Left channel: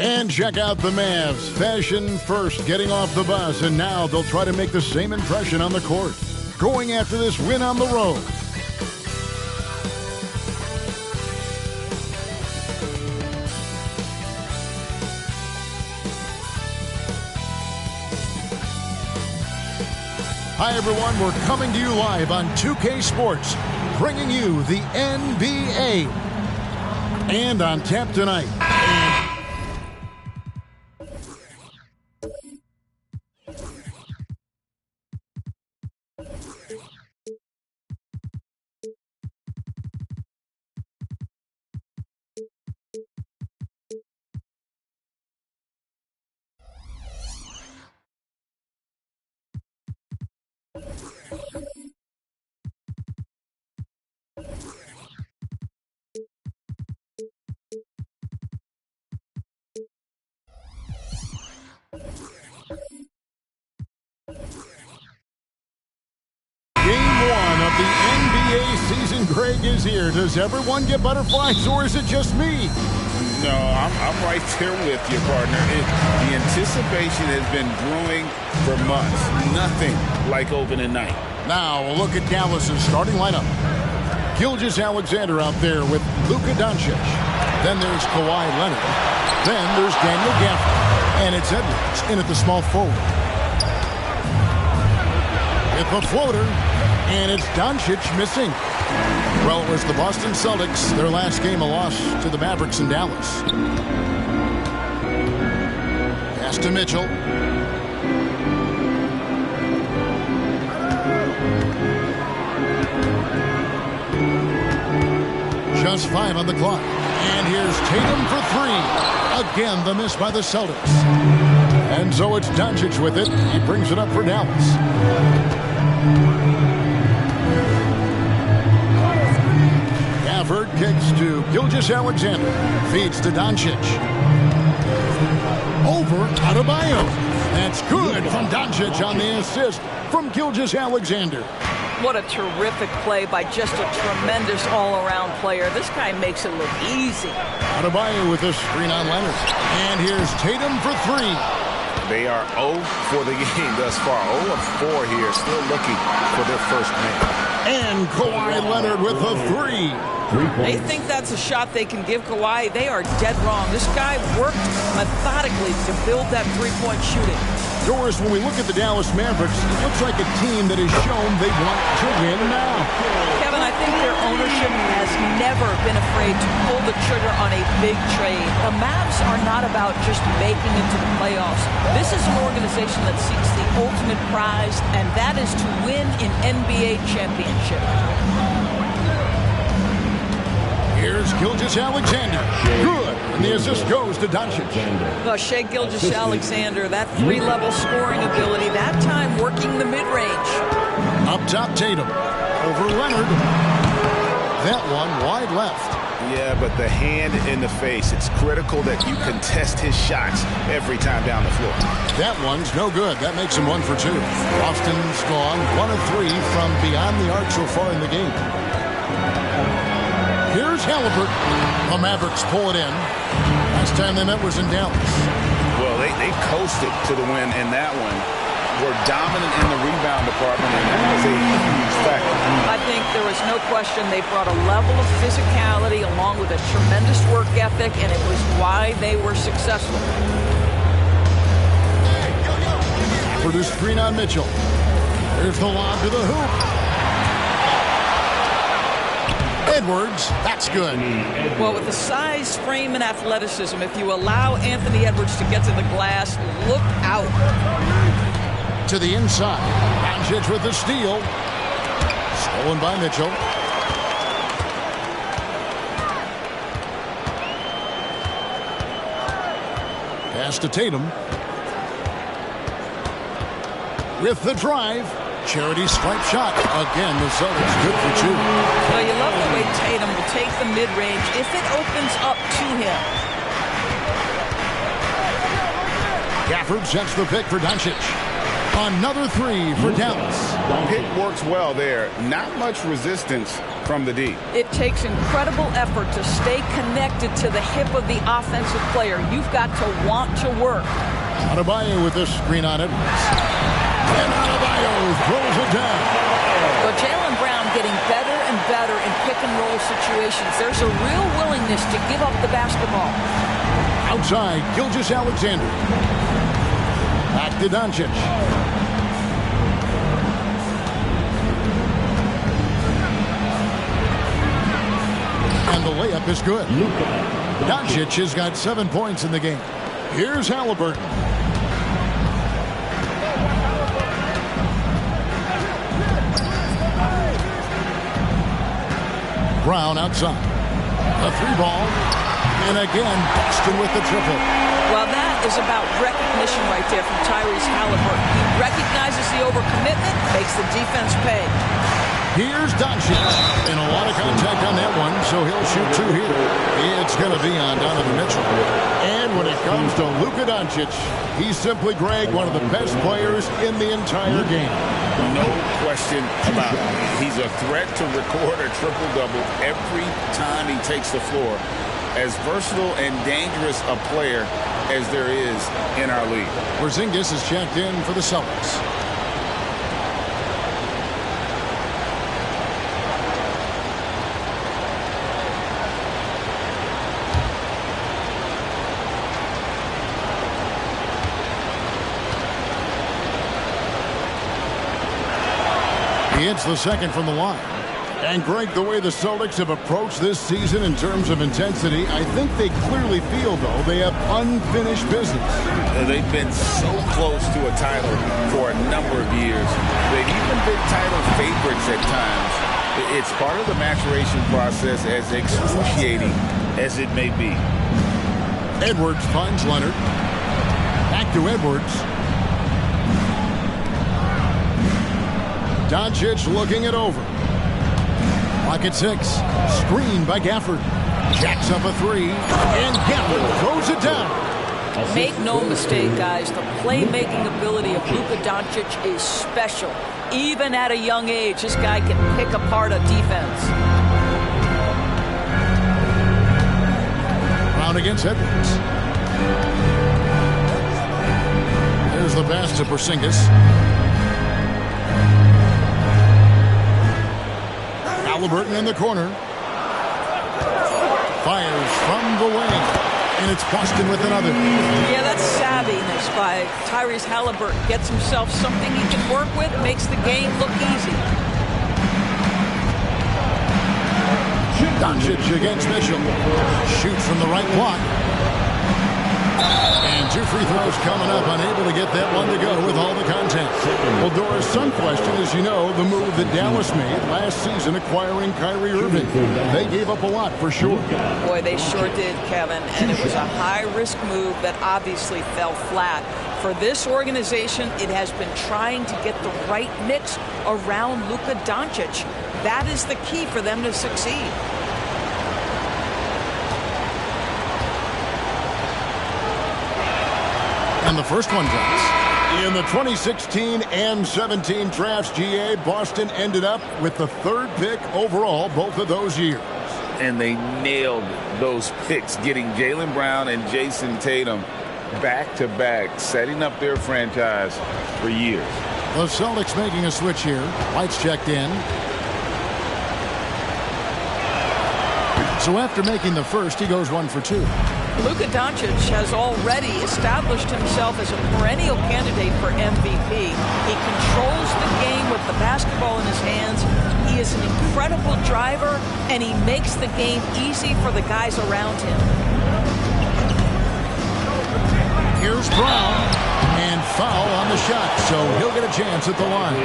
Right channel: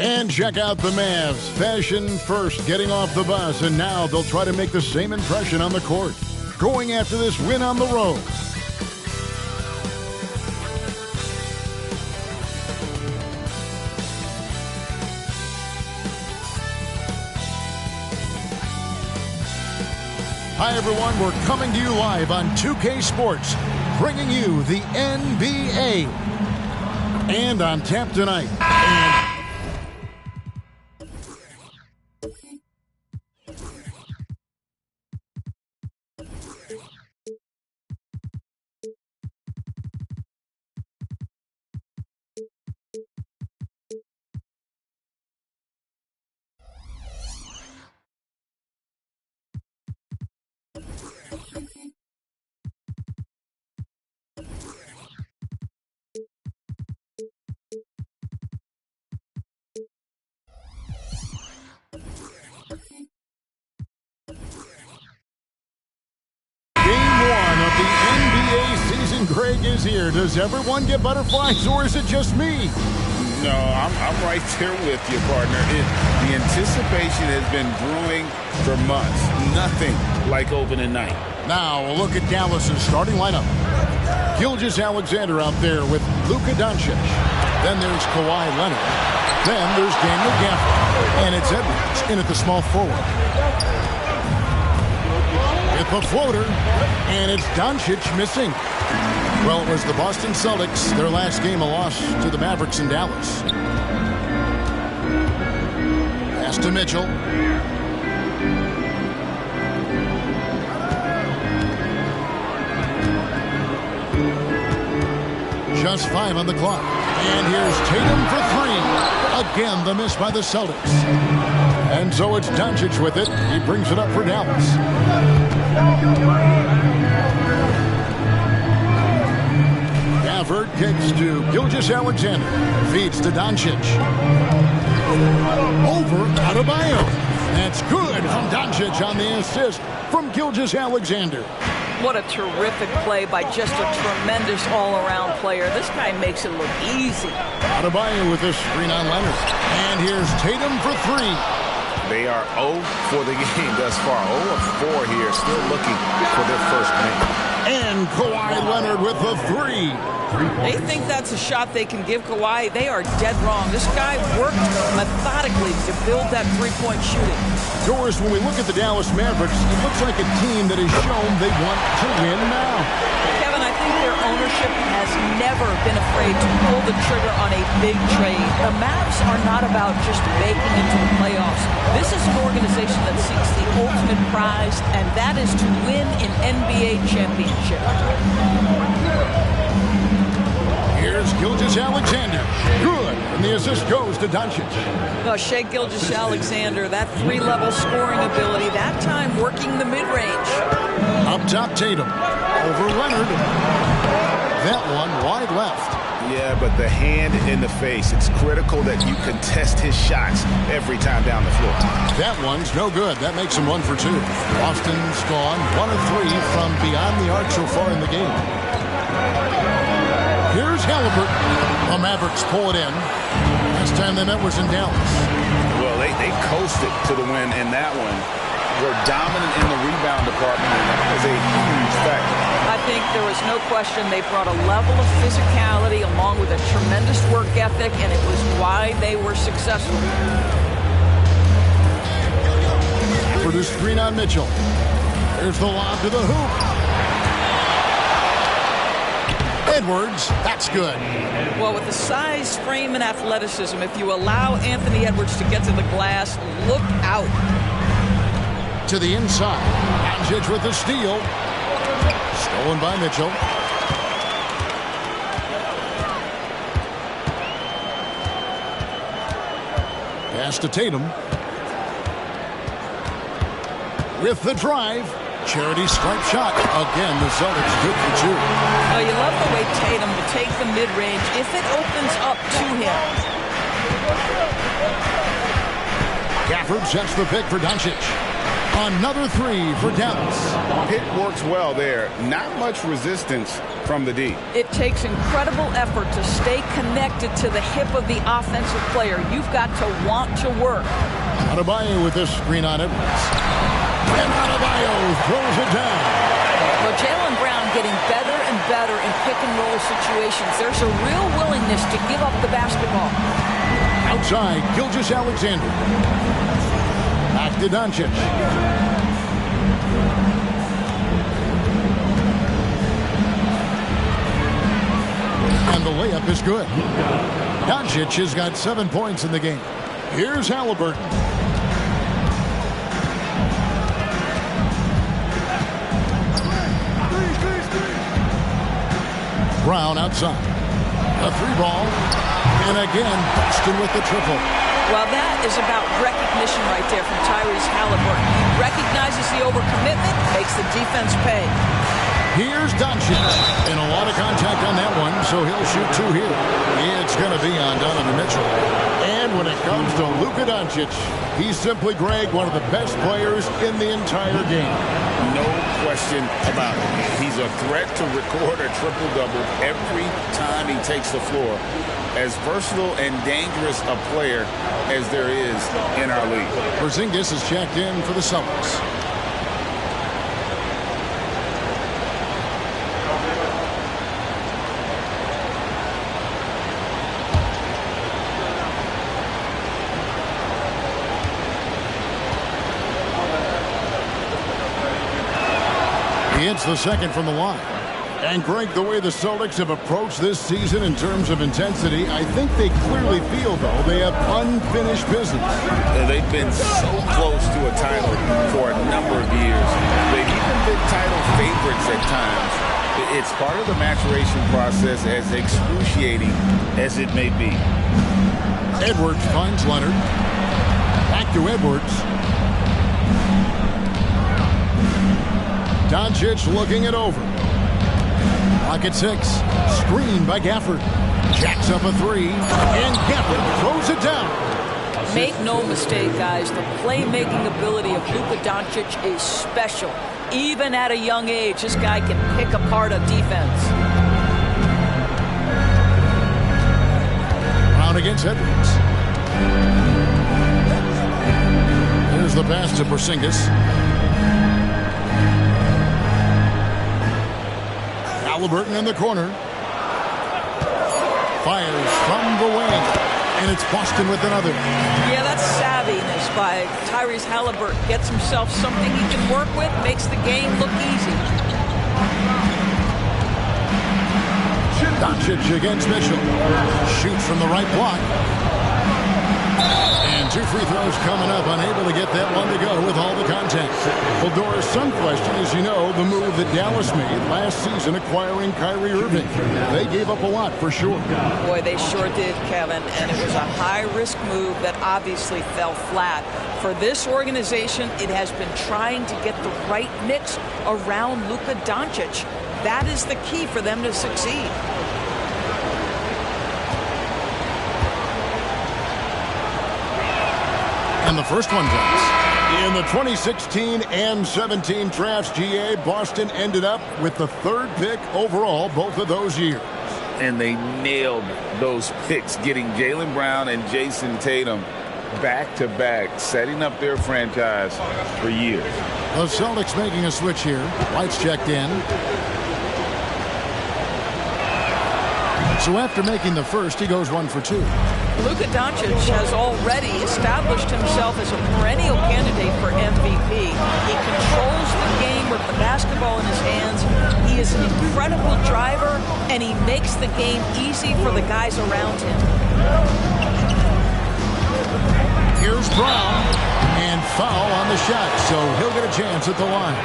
And check out the Mavs. Fashion first, getting off the bus, and now they'll try to make the same impression on the court. Going after this win on the road. Hi, everyone. We're coming to you live on 2K Sports, bringing you the NBA. And on tap tonight. The NBA season, Greg, is here. Does everyone get butterflies, or is it just me? No, I'm right there with you, partner. The anticipation has been brewing for months. Nothing like opening night. Now, a look at Dallas's starting lineup. Gilgeous-Alexander out there with Luka Doncic. Then there's Kawhi Leonard. Then there's Daniel Gafford. And it's Edwards in at the small forward. With the floater. And it's Doncic missing. Well, it was the Boston Celtics. Their last game, a loss to the Mavericks in Dallas. Pass to Mitchell. Just 5 on the clock. And here's Tatum for 3. Again, the miss by the Celtics. And so it's Doncic with it. He brings it up for Dallas. Gafford kicks to Gilgeous-Alexander. Feeds to Doncic. Over Adebayo. That's good from Doncic on the assist from Gilgeous-Alexander. What a terrific play by just a tremendous all-around player. This guy makes it look easy. Adebayo with a screen on Leonard. And here's Tatum for 3. They are 0 for the game thus far. 0 of 4 here, still looking for their first win. And Kawhi Leonard with a 3. They think that's a shot they can give Kawhi. They are dead wrong. This guy worked methodically to build that three-point shooting. Doris, when we look at the Dallas Mavericks, it looks like a team that has shown they want to win now. Kevin, I think their ownership has never been afraid to pull the trigger on a big trade. The Mavs are not about just making it to the playoffs. This is an organization that seeks the ultimate prize, and that is to win an NBA championship. Here's Gilgeous-Alexander. Good. And the assist goes to Doncic. Well, Shai Gilgeous-Alexander, that 3-level scoring ability, that time working the mid-range. Up top, Tatum. Over Leonard. That one wide left. Yeah, but the hand in the face, it's critical that you contest his shots every time down the floor. That one's no good. That makes him 1 for 2. Boston's gone 1 of 3 from beyond the arc so far in the game. Here's Halliburton. The Mavericks pull it in. Last time they met was in Dallas. Well, they coasted to the win in that one. Were dominant in the rebound department, and that was a huge factor. I think there was no question they brought a level of physicality along with a tremendous work ethic, and it was why they were successful. For the screen on Mitchell. There's the lob to the hoop. Edwards, that's good. Well, with the size, frame, and athleticism, if you allow Anthony Edwards to get to the glass, look out. To the inside. Doncic with the steal. Stolen by Mitchell. Pass to Tatum. With the drive. Charity stripe shot. Again, the Celtics good for 2. Well, you love the way Tatum will take the mid-range if it opens up to him. Gafford sets the pick for Doncic. Another three for Dallas. Pick works well there. Not much resistance from the D. It takes incredible effort to stay connected to the hip of the offensive player. You've got to want to work. Adebayo with this screen on Edwards. And Adebayo throws it down. But Jaylen Brown getting better and better in pick-and-roll situations. There's a real willingness to give up the basketball. Outside, Gilgeous-Alexander. Back to Doncic. And the layup is good. Doncic has got 7 points in the game. Here's Halliburton. Brown outside. A three ball. And again, Boston with the triple. Well, that is about recognition right there from Tyrese Halliburton. He recognizes the overcommitment, makes the defense pay. Here's Doncic. And a lot of contact on that one, so he'll shoot two here. It's going to be on Donovan Mitchell. And when it comes to Luka Doncic, he's simply, Greg, one of the best players in the entire game. No question about it. He's a threat to record a triple-double every time he takes the floor. As versatile and dangerous a player as there is in our league. Porzingis is checked in for the Celtics. He hits the second from the line. And, Greg, the way the Celtics have approached this season in terms of intensity, I think they clearly feel, though, they have unfinished business. They've been so close to a title for a number of years. They've even been title favorites at times. It's part of the maturation process, as excruciating as it may be. Edwards finds Leonard. Back to Edwards. Doncic looking it over. Clock at 6. Screen by Gafford. Jacks up a three. And Gafford throws it down. Make no mistake, guys. The playmaking ability of Luka Doncic is special. Even at a young age, this guy can pick apart a defense. Brown against Edwards. Here's the pass to Porzingis. Halliburton in the corner. Fires from the wing. And it's Boston with another. Yeah, that's savviness by Tyrese Halliburton. Gets himself something he can work with, makes the game look easy. Doncic against Mitchell. Shoots from the right block. And two free throws coming up, unable to get that one to go with all the contact. Well, Doris, some question, as you know, the move that Dallas made last season acquiring Kyrie Irving. They gave up a lot for sure. Boy, they sure did, Kevin, and it was a high-risk move that obviously fell flat. For this organization, it has been trying to get the right mix around Luka Doncic. That is the key for them to succeed. And the first one does. In the 2016 and 17 drafts, GA, Boston ended up with the third pick overall both of those years. And they nailed those picks, getting Jaylen Brown and Jason Tatum back-to-back, setting up their franchise for years. The Celtics making a switch here. Lights checked in. So after making the first, he goes 1 for 2. Luka Doncic has already established himself as a perennial candidate for MVP. He controls the game with the basketball in his hands. He is an incredible driver, and he makes the game easy for the guys around him. Here's Brown, and foul on the shot, so he'll get a chance at the line.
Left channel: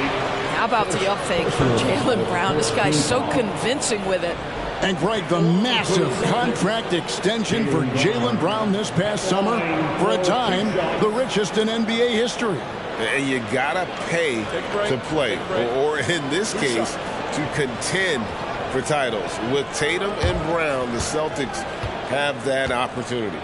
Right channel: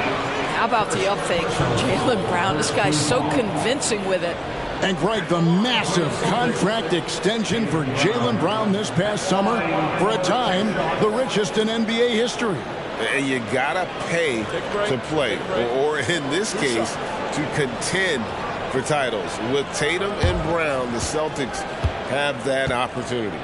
How about the up fake from Jaylen Brown? This guy's so convincing with it. And, Greg, the massive contract extension for Jaylen Brown this past summer, for a time, the richest in NBA history. And you got to pay to play, or in this case, to contend for titles. With Tatum and Brown, the Celtics have that opportunity.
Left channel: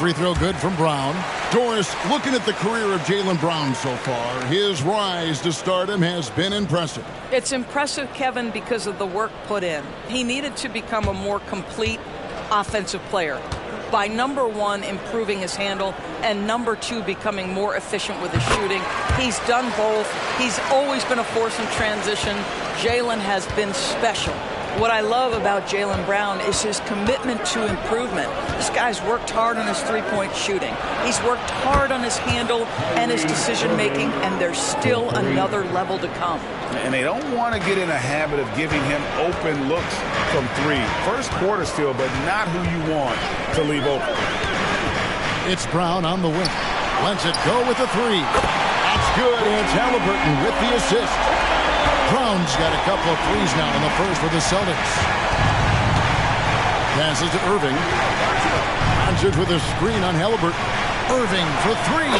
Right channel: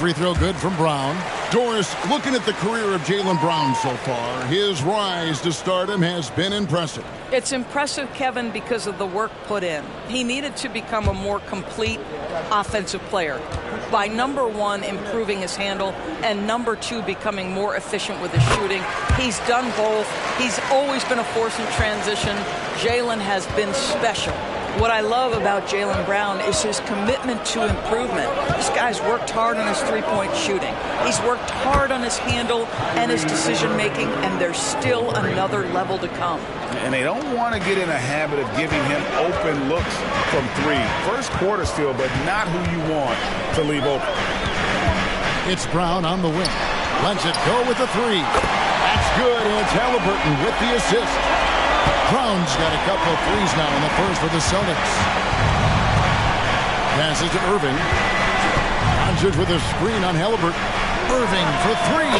Free throw good from Brown. Doris, looking at the career of Jaylen Brown so far, his rise to stardom has been impressive. It's impressive, Kevin, because of the work put in. He needed to become a more complete offensive player by, number one, improving his handle, and number two, becoming more efficient with his shooting. He's done both. He's always been a force in transition. Jaylen has been special. What I love about Jaylen Brown is his commitment to improvement. This guy's worked hard on his three-point shooting. He's worked hard on his handle and his decision-making, and there's still another level to come. And they don't want to get in a habit of giving him open looks from three. First quarter still, but not who you want to leave open. It's Brown on the wing. Lets it go with a three. That's good, and it's Halliburton with the assist. Brown's got a couple of threes now in the first for the Celtics. Passes to Irving. Doncic with a screen on Halliburton. Irving for three.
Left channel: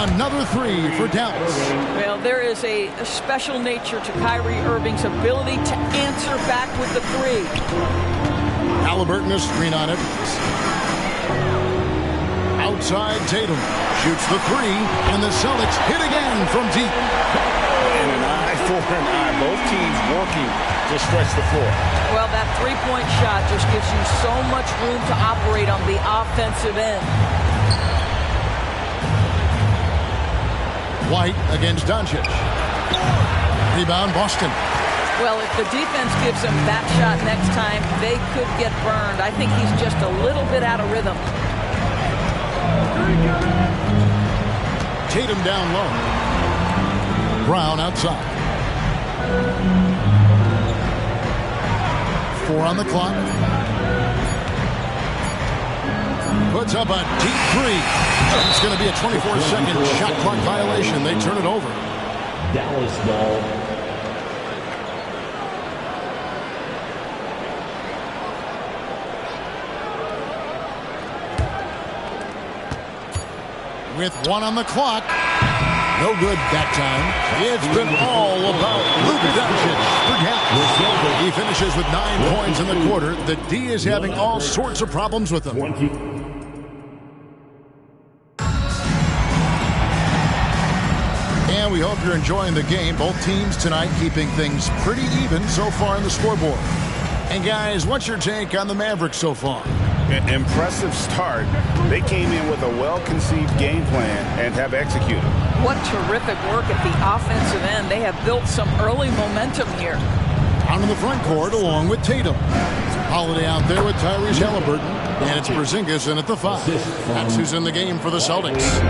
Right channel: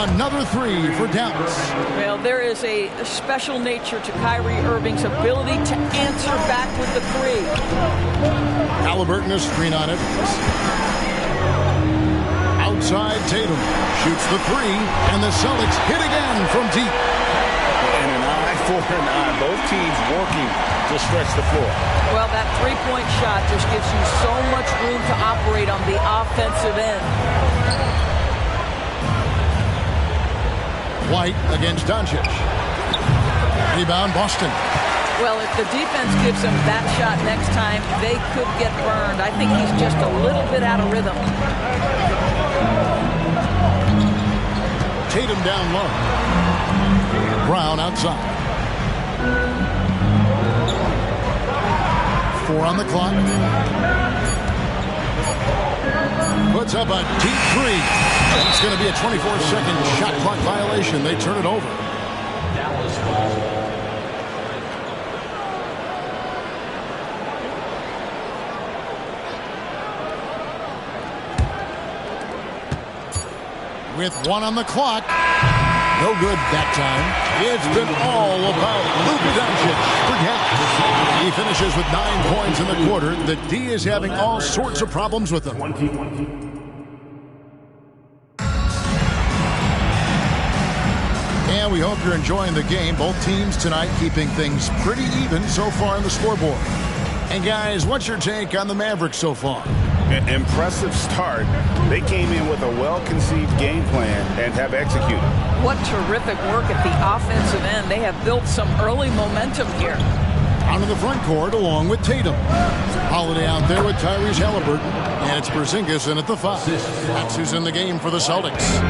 Another three for Dallas. Well, there is a special nature to Kyrie Irving's ability to answer back with the three. Halliburton a screen on it. Outside Tatum. Shoots the three. And the Celtics hit again from deep. And an eye for an eye. Both teams working to stretch the floor. Well, that three-point shot just gives you so much room to operate on the offensive end. White against Doncic. Rebound Boston. Well, if the defense gives him that shot next time, they could get burned. I think he's just a little bit out of rhythm. Tatum down low. Brown outside. 4 on the clock. Puts up a deep three. It's going to be a 24-second shot clock violation. They turn it over. Dallas ball. With 1 on the clock. No good that time. It's been all about Luka Doncic for Dallas. He finishes with 9 points in the quarter. The D is having all sorts of problems with him. And we hope you're enjoying the game. Both teams tonight keeping things pretty even so far on the scoreboard. And guys, what's your take on the Mavericks so far? Impressive start. They came in with a well-conceived game plan and have executed. What terrific work at the offensive end. They have built some early momentum here. Out in the front court along with Tatum. Holiday out there with Tyrese Halliburton. And it's Porzingis in at the 5. That's who's in the game for the Celtics.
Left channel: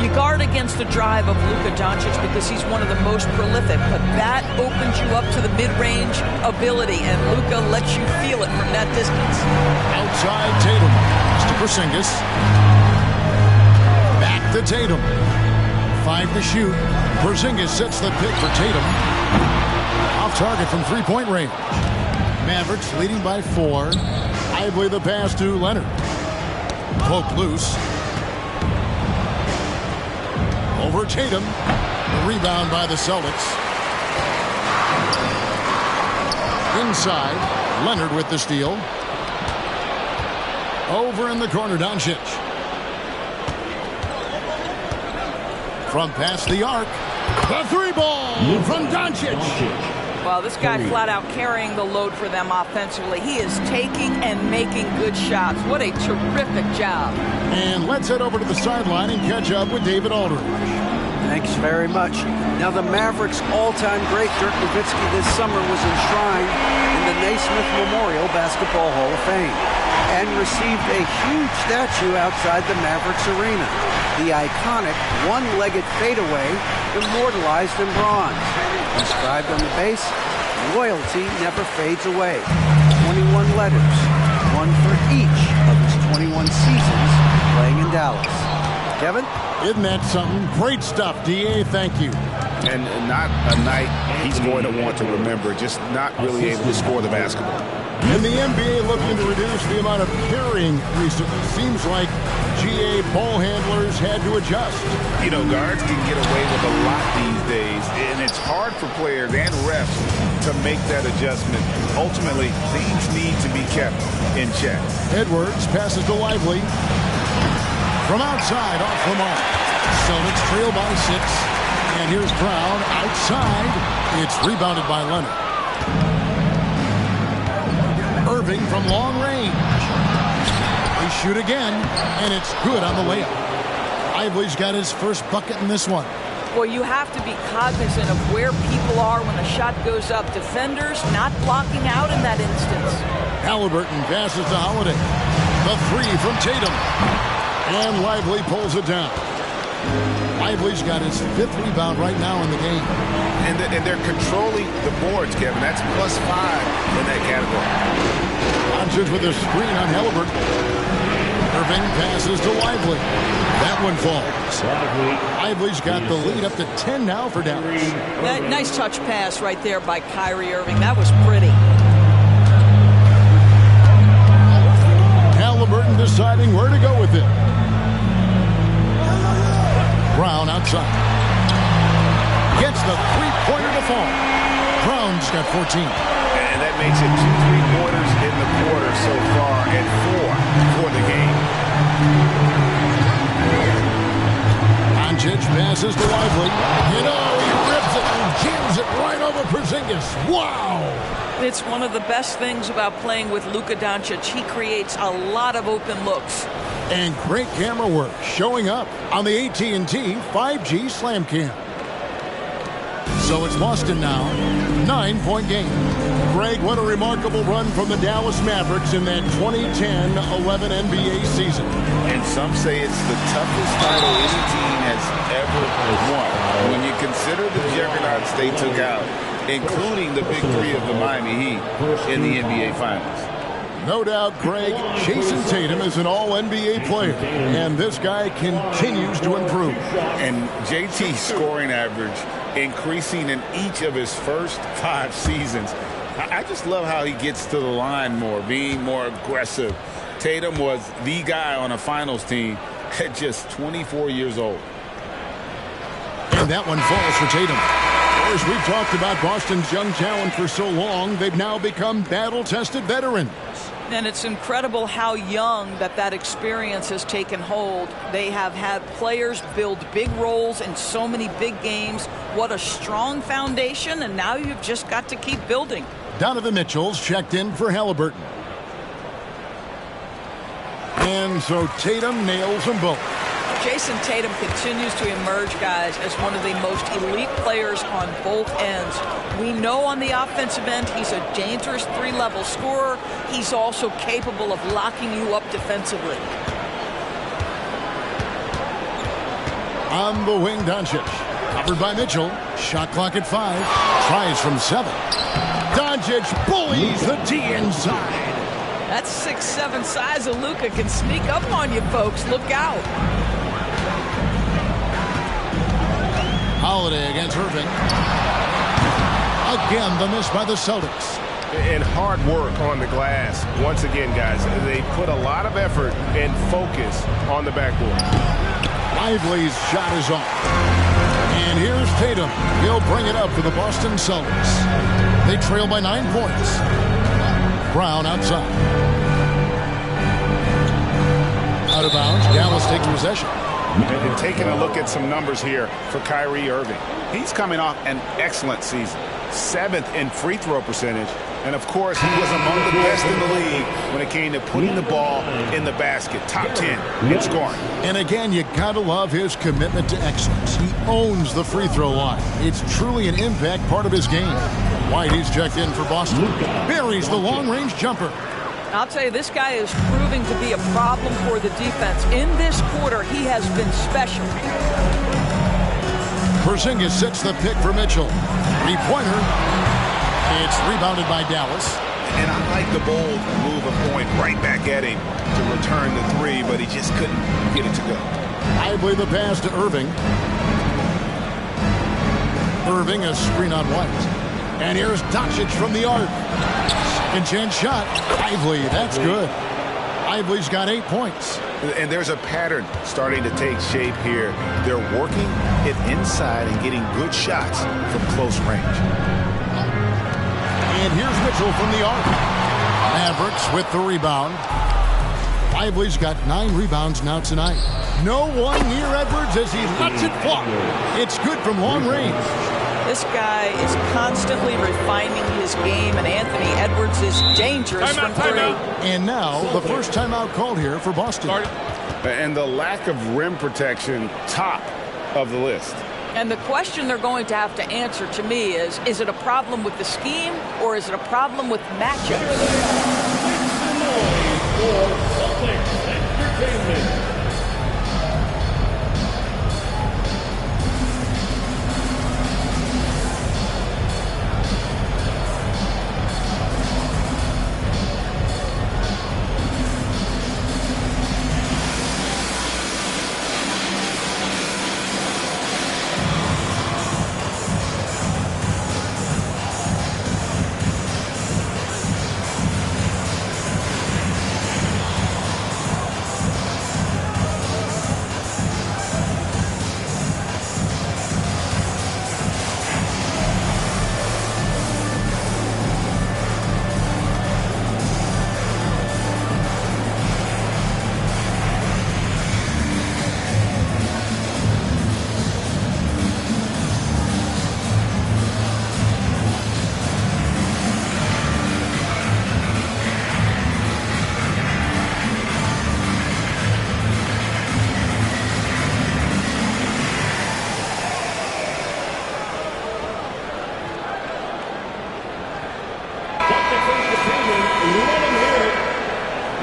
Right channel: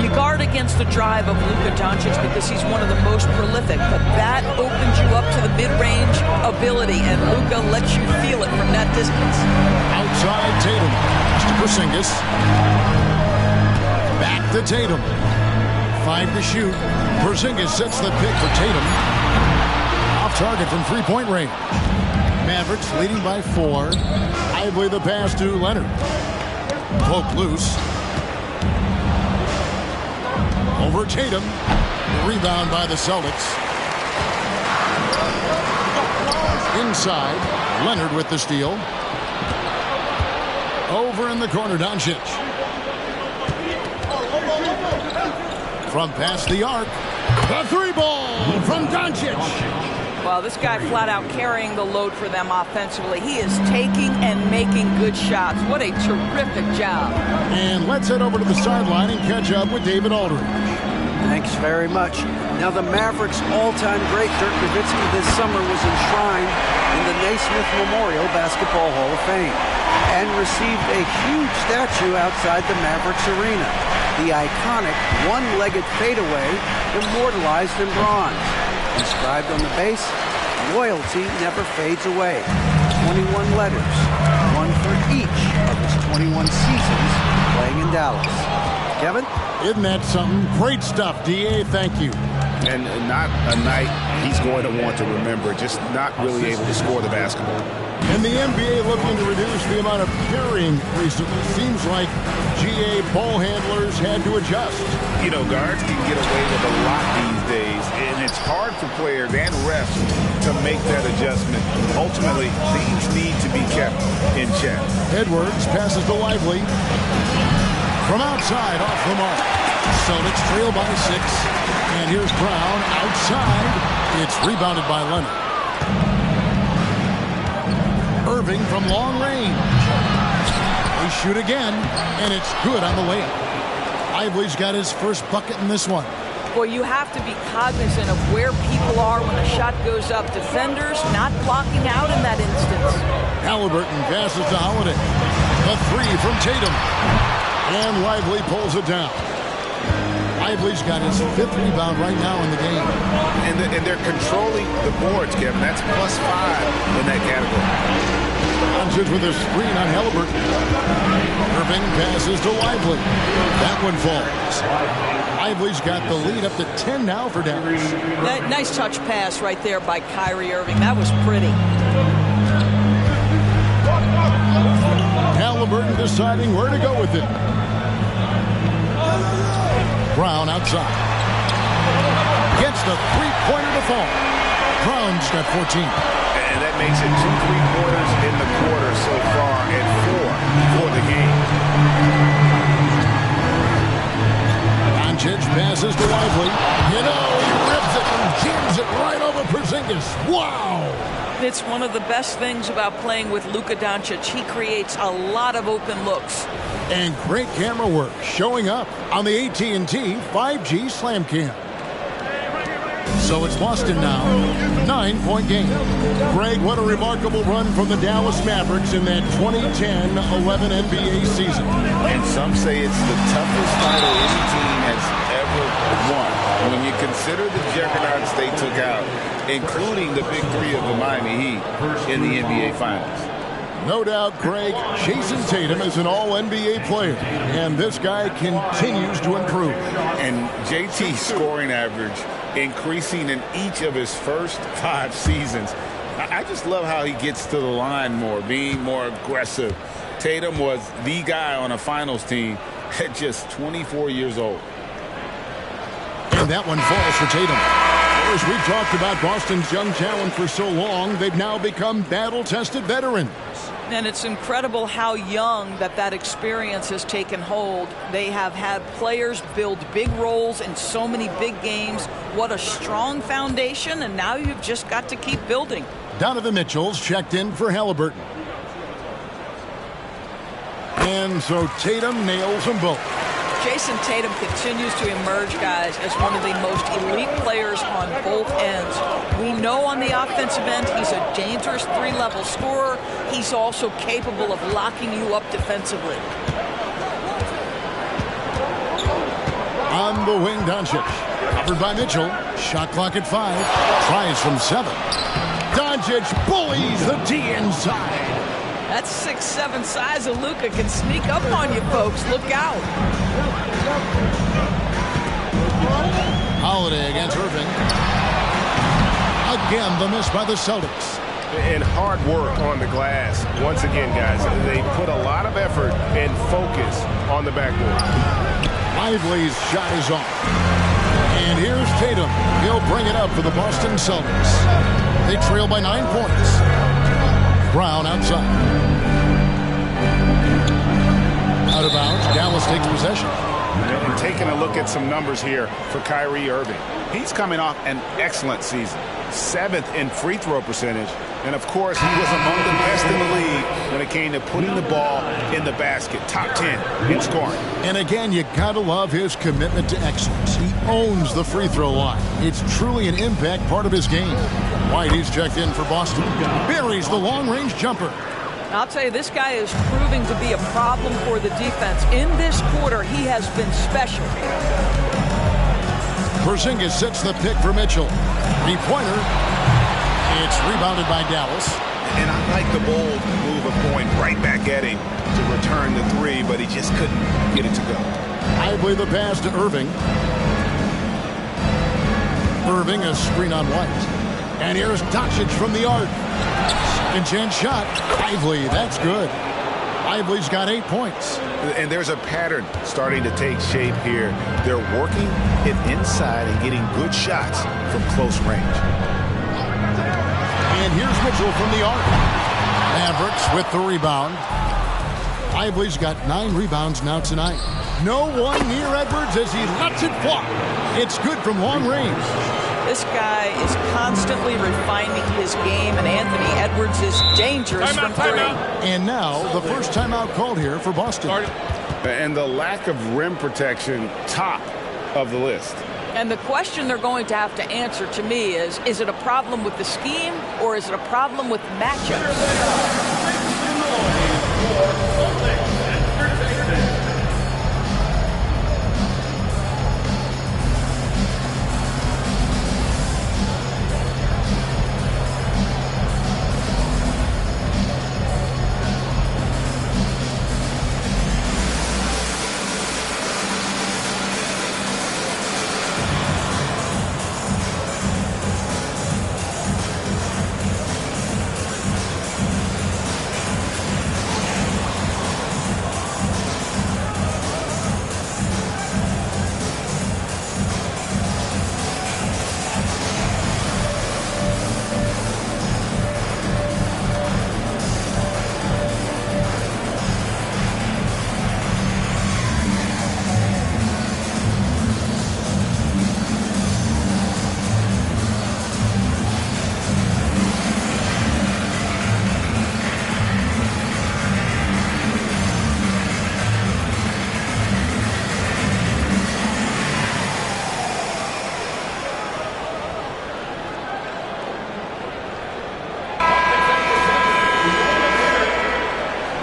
You guard against the drive of Luka Doncic because he's one of the most prolific, but that opens you up to the mid-range ability, and Luka lets you feel it from that distance. Outside Tatum. To Porzingis. Back to Tatum. 5 to shoot. Porzingis sets the pick for Tatum. Off target from three-point range. Mavericks leading by 4. Lively the pass to Leonard. Poke loose. Over Tatum. The rebound by the Celtics. Inside. Leonard with the steal. Over in the corner, Doncic. From past the arc. The 3-ball from Doncic. Well, this guy flat out carrying the load for them offensively. He is taking and making good shots. What a terrific job. And let's head over to the sideline and catch up with David Aldridge. Thanks very much. Now, the Mavericks' all-time great Dirk Nowitzki this summer was enshrined in the Naismith Memorial Basketball Hall of Fame and received a huge statue outside the Mavericks arena. The iconic one-legged fadeaway immortalized in bronze. Inscribed on the base, loyalty never fades away. 21 letters, one for each of his 21 seasons playing in Dallas. Kevin? Isn't that something? Great stuff, D.A. Thank you. And not a night he's going to want to remember, just not really able to score the basketball. And the NBA looking to reduce the amount of carrying recently. Seems like GA ball handlers had to adjust. You know, guards can get away with a lot these days, and it's hard for players and refs to make that adjustment. Ultimately, things need to be kept in check. Edwards passes to Lively. From outside, off the mark. Celtics trail by 6. And here's Brown outside. It's rebounded by Leonard. Irving from long range. They shoot again, and it's good on the layup. Lively's got his first bucket in this one. Boy, you have to be cognizant of where people are when a shot goes up. Defenders not blocking out in that instance. Halliburton passes to Holiday. The 3 from Tatum. And Lively pulls it down. Lively's got his 5th rebound right now in the game. And they're controlling the boards, Kevin. That's +5 in that category. Doncic with a screen on Halliburton. Irving passes to Lively. That one falls. Lively's got the lead up to 10 now for Dallas. Nice touch pass right there by Kyrie Irving. That was pretty. Halliburton deciding where to go with it. Brown outside. Gets the three-pointer to fall. Brown's got 14. And that makes it 2 3-pointers in the quarter so far and 4 for the game. Doncic passes to Lively. You know, he rips it and jams it right over Porzingis. Wow! It's one of the best things about playing with Luka Doncic. He creates a lot of open looks. And great camera work showing up on the AT&T 5G Slam Cam. So it's Boston now. 9-point game. Greg, what a remarkable run from the Dallas Mavericks in that 2010-11 NBA season. And some say it's the toughest title any team has ever won. When you consider the juggernauts they took out, including the big 3 of the Miami Heat in the NBA Finals. No doubt, Greg, Jason Tatum is an all-NBA player, and this guy continues to improve. And JT's scoring average increasing in each of his first 5 seasons. I just love how he gets to the line more, being more aggressive. Tatum was the guy on a finals team at just 24 years old. And that one falls for Tatum. Of course, we've talked about Boston's young talent for so long, they've now become battle-tested veterans. And it's incredible how young that experience has taken hold. They have had players build big roles in so many big games. What a strong foundation, and now you've just got to keep building. Donovan Mitchell's checked in for Halliburton. And so Tatum nails them both. Jason Tatum continues to emerge, guys, as one of the most elite players on both ends. We know on the offensive end he's a dangerous 3-level scorer. He's also capable of locking you up defensively. On the wing, Doncic. Covered by Mitchell. Shot clock at 5. Tries from 7. Doncic bullies the D inside. That 6'7" size of Luka can sneak up on you, folks. Look out. Holiday against Irving. Again, the miss by the Celtics. And hard work on the glass. Once again, guys, they put a lot of effort and focus on the backboard. Lively's shot is off. And here's Tatum. He'll bring it up for the Boston Celtics. They trail by 9 points. Brown outside. Out of bounds. Dallas takes possession. And taking a look at some numbers here for Kyrie Irving. He's coming off an excellent season. 7th in free throw percentage. And, of course, he was among the best in the league when it came to putting the ball in the basket. Top 10 in scoring. And, again, you got to love his commitment to excellence. He owns the free throw line. It's truly an impact part of his game. White, he's checked in for Boston. Buries the long-range jumper. I'll tell you, this guy is proving to be a problem for the defense. In this quarter, he has been special. Porzingis sets the pick for Mitchell. Three-pointer. It's rebounded by Dallas. And I like the bold move of going right back at him to return the 3, but he just couldn't get it to go. Lively the pass to Irving. Irving, a screen on White. And here's Doncic from the arc. Second chance shot. Lively, that's good. Lively's got 8 points. And there's a pattern starting to take shape here. They're working it inside and getting good shots from close range. And here's Mitchell from the arc. Mavericks with the rebound. Lively's got 9 rebounds now tonight. No one near Edwards as he lets it fly. It's good from long range. This guy is constantly refining his game, and Anthony Edwards is dangerous from three. And now the first timeout called here for Boston. And the lack of rim protection, top of the list. And the question they're going to have to answer to me is it a problem with the scheme or is it a problem with matchups?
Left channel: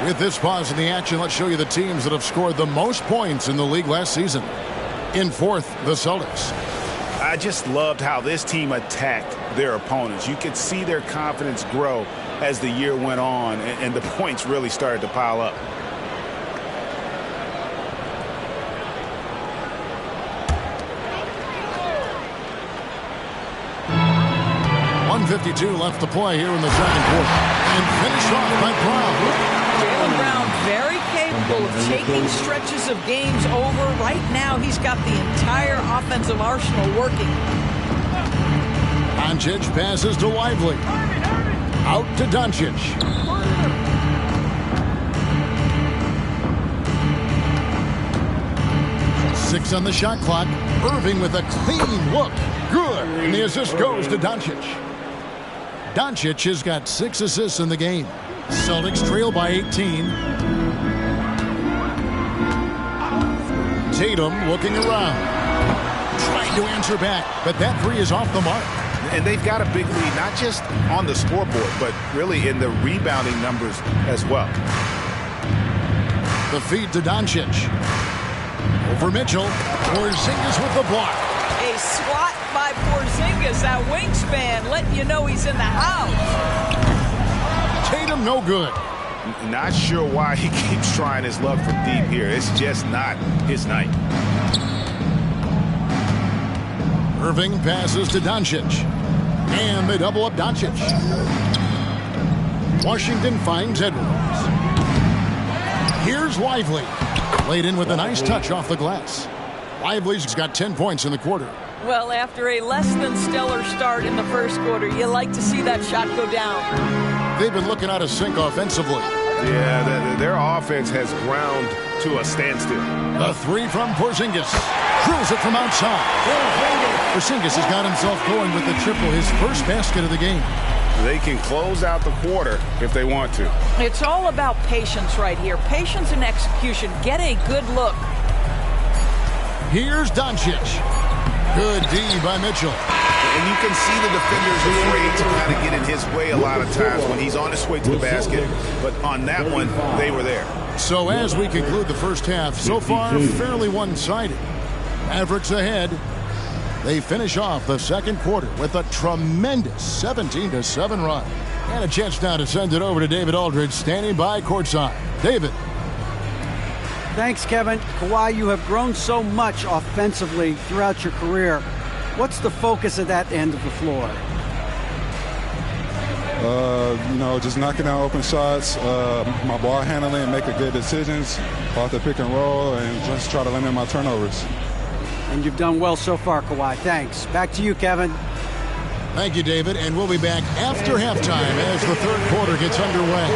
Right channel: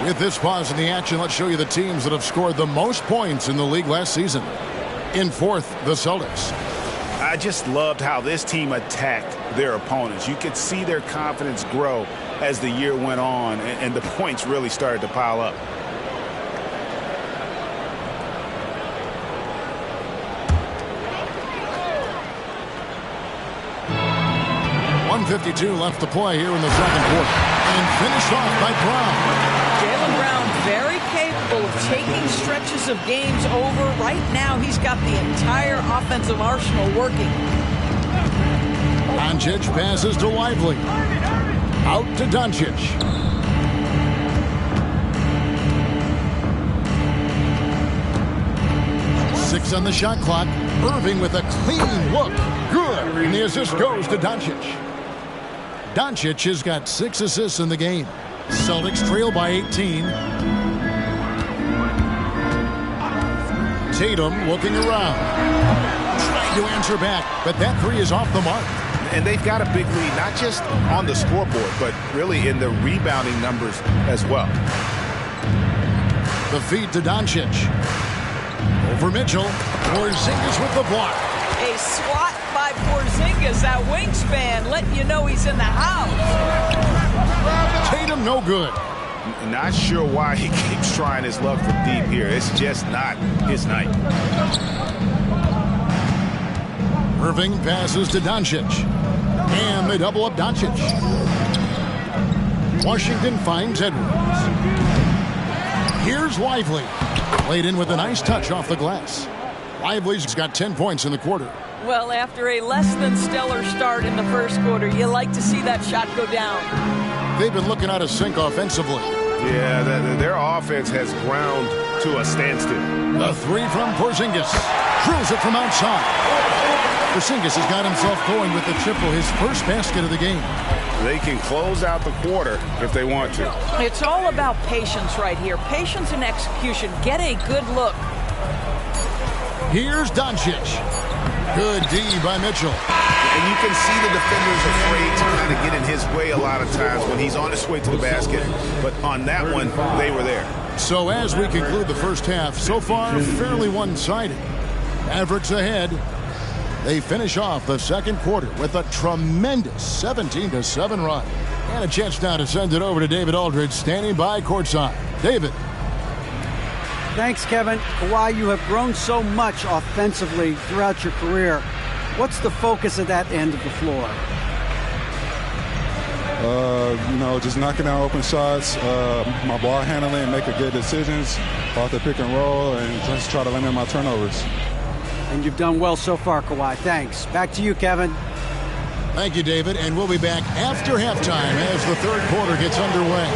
With this pause in the action, let's show you the teams that have scored the most points in the league last season. In fourth, the Celtics. I just loved how this team attacked their opponents. You could see their confidence grow as the year went on, and the points really started to pile up. .152 left to play here in the second quarter. And finished off by Brown. Jaylen Brown, very capable of taking stretches of games over. Right now, he's got the entire offensive arsenal working. Doncic passes to Lively. Out to Doncic. Six on the shot clock. Irving with a clean look. Good. And the assist goes to Doncic. Doncic has got 6 assists in the game. Celtics trail by 18. Tatum looking around. Trying to answer back, but that three is off the mark. And they've got a big lead, not just on the scoreboard, but really in the rebounding numbers as well. The feed to Doncic. Over Mitchell. Porzingis with the block. A swat by Porzingis, that wingspan, letting you know he's in the house. Tatum no good. Not sure why he keeps trying his luck from deep here. It's just not his night. Irving passes to Doncic. And they double up Doncic. Washington finds Edwards. Here's Lively. Laid in with a nice touch off the glass. Lively's got 10 points in the quarter. Well, after a less than stellar start in the first quarter, you like to see that shot go down. They've been looking out of sync offensively. Yeah, their offense has ground to a standstill. The three from Porzingis. Drills it from outside. Porzingis has got himself going with the triple, his first basket of the game. They can close out the quarter if they want to. It's all about patience right here. Patience and execution. Get a good look. Here's Doncic. Good D by Mitchell. And you can see the defenders afraid to kind of get in his way a lot of times when he's on his way to the basket. But on that one, they were there. So as we conclude the first half, so far fairly one-sided. Mavericks ahead. They finish off the second quarter with a tremendous 17-7 run. And a chance now to send it over to David Aldridge, standing by courtside. David. Thanks, Kevin. Kawhi, you have grown so much offensively throughout your career. What's the focus of that end of the floor? Just knocking down open shots, my ball handling, making good decisions off the pick and roll, and just try to limit my turnovers. And you've done well so far, Kawhi. Thanks. Back to you, Kevin. Thank you, David. And we'll be back after halftime as the third quarter gets underway.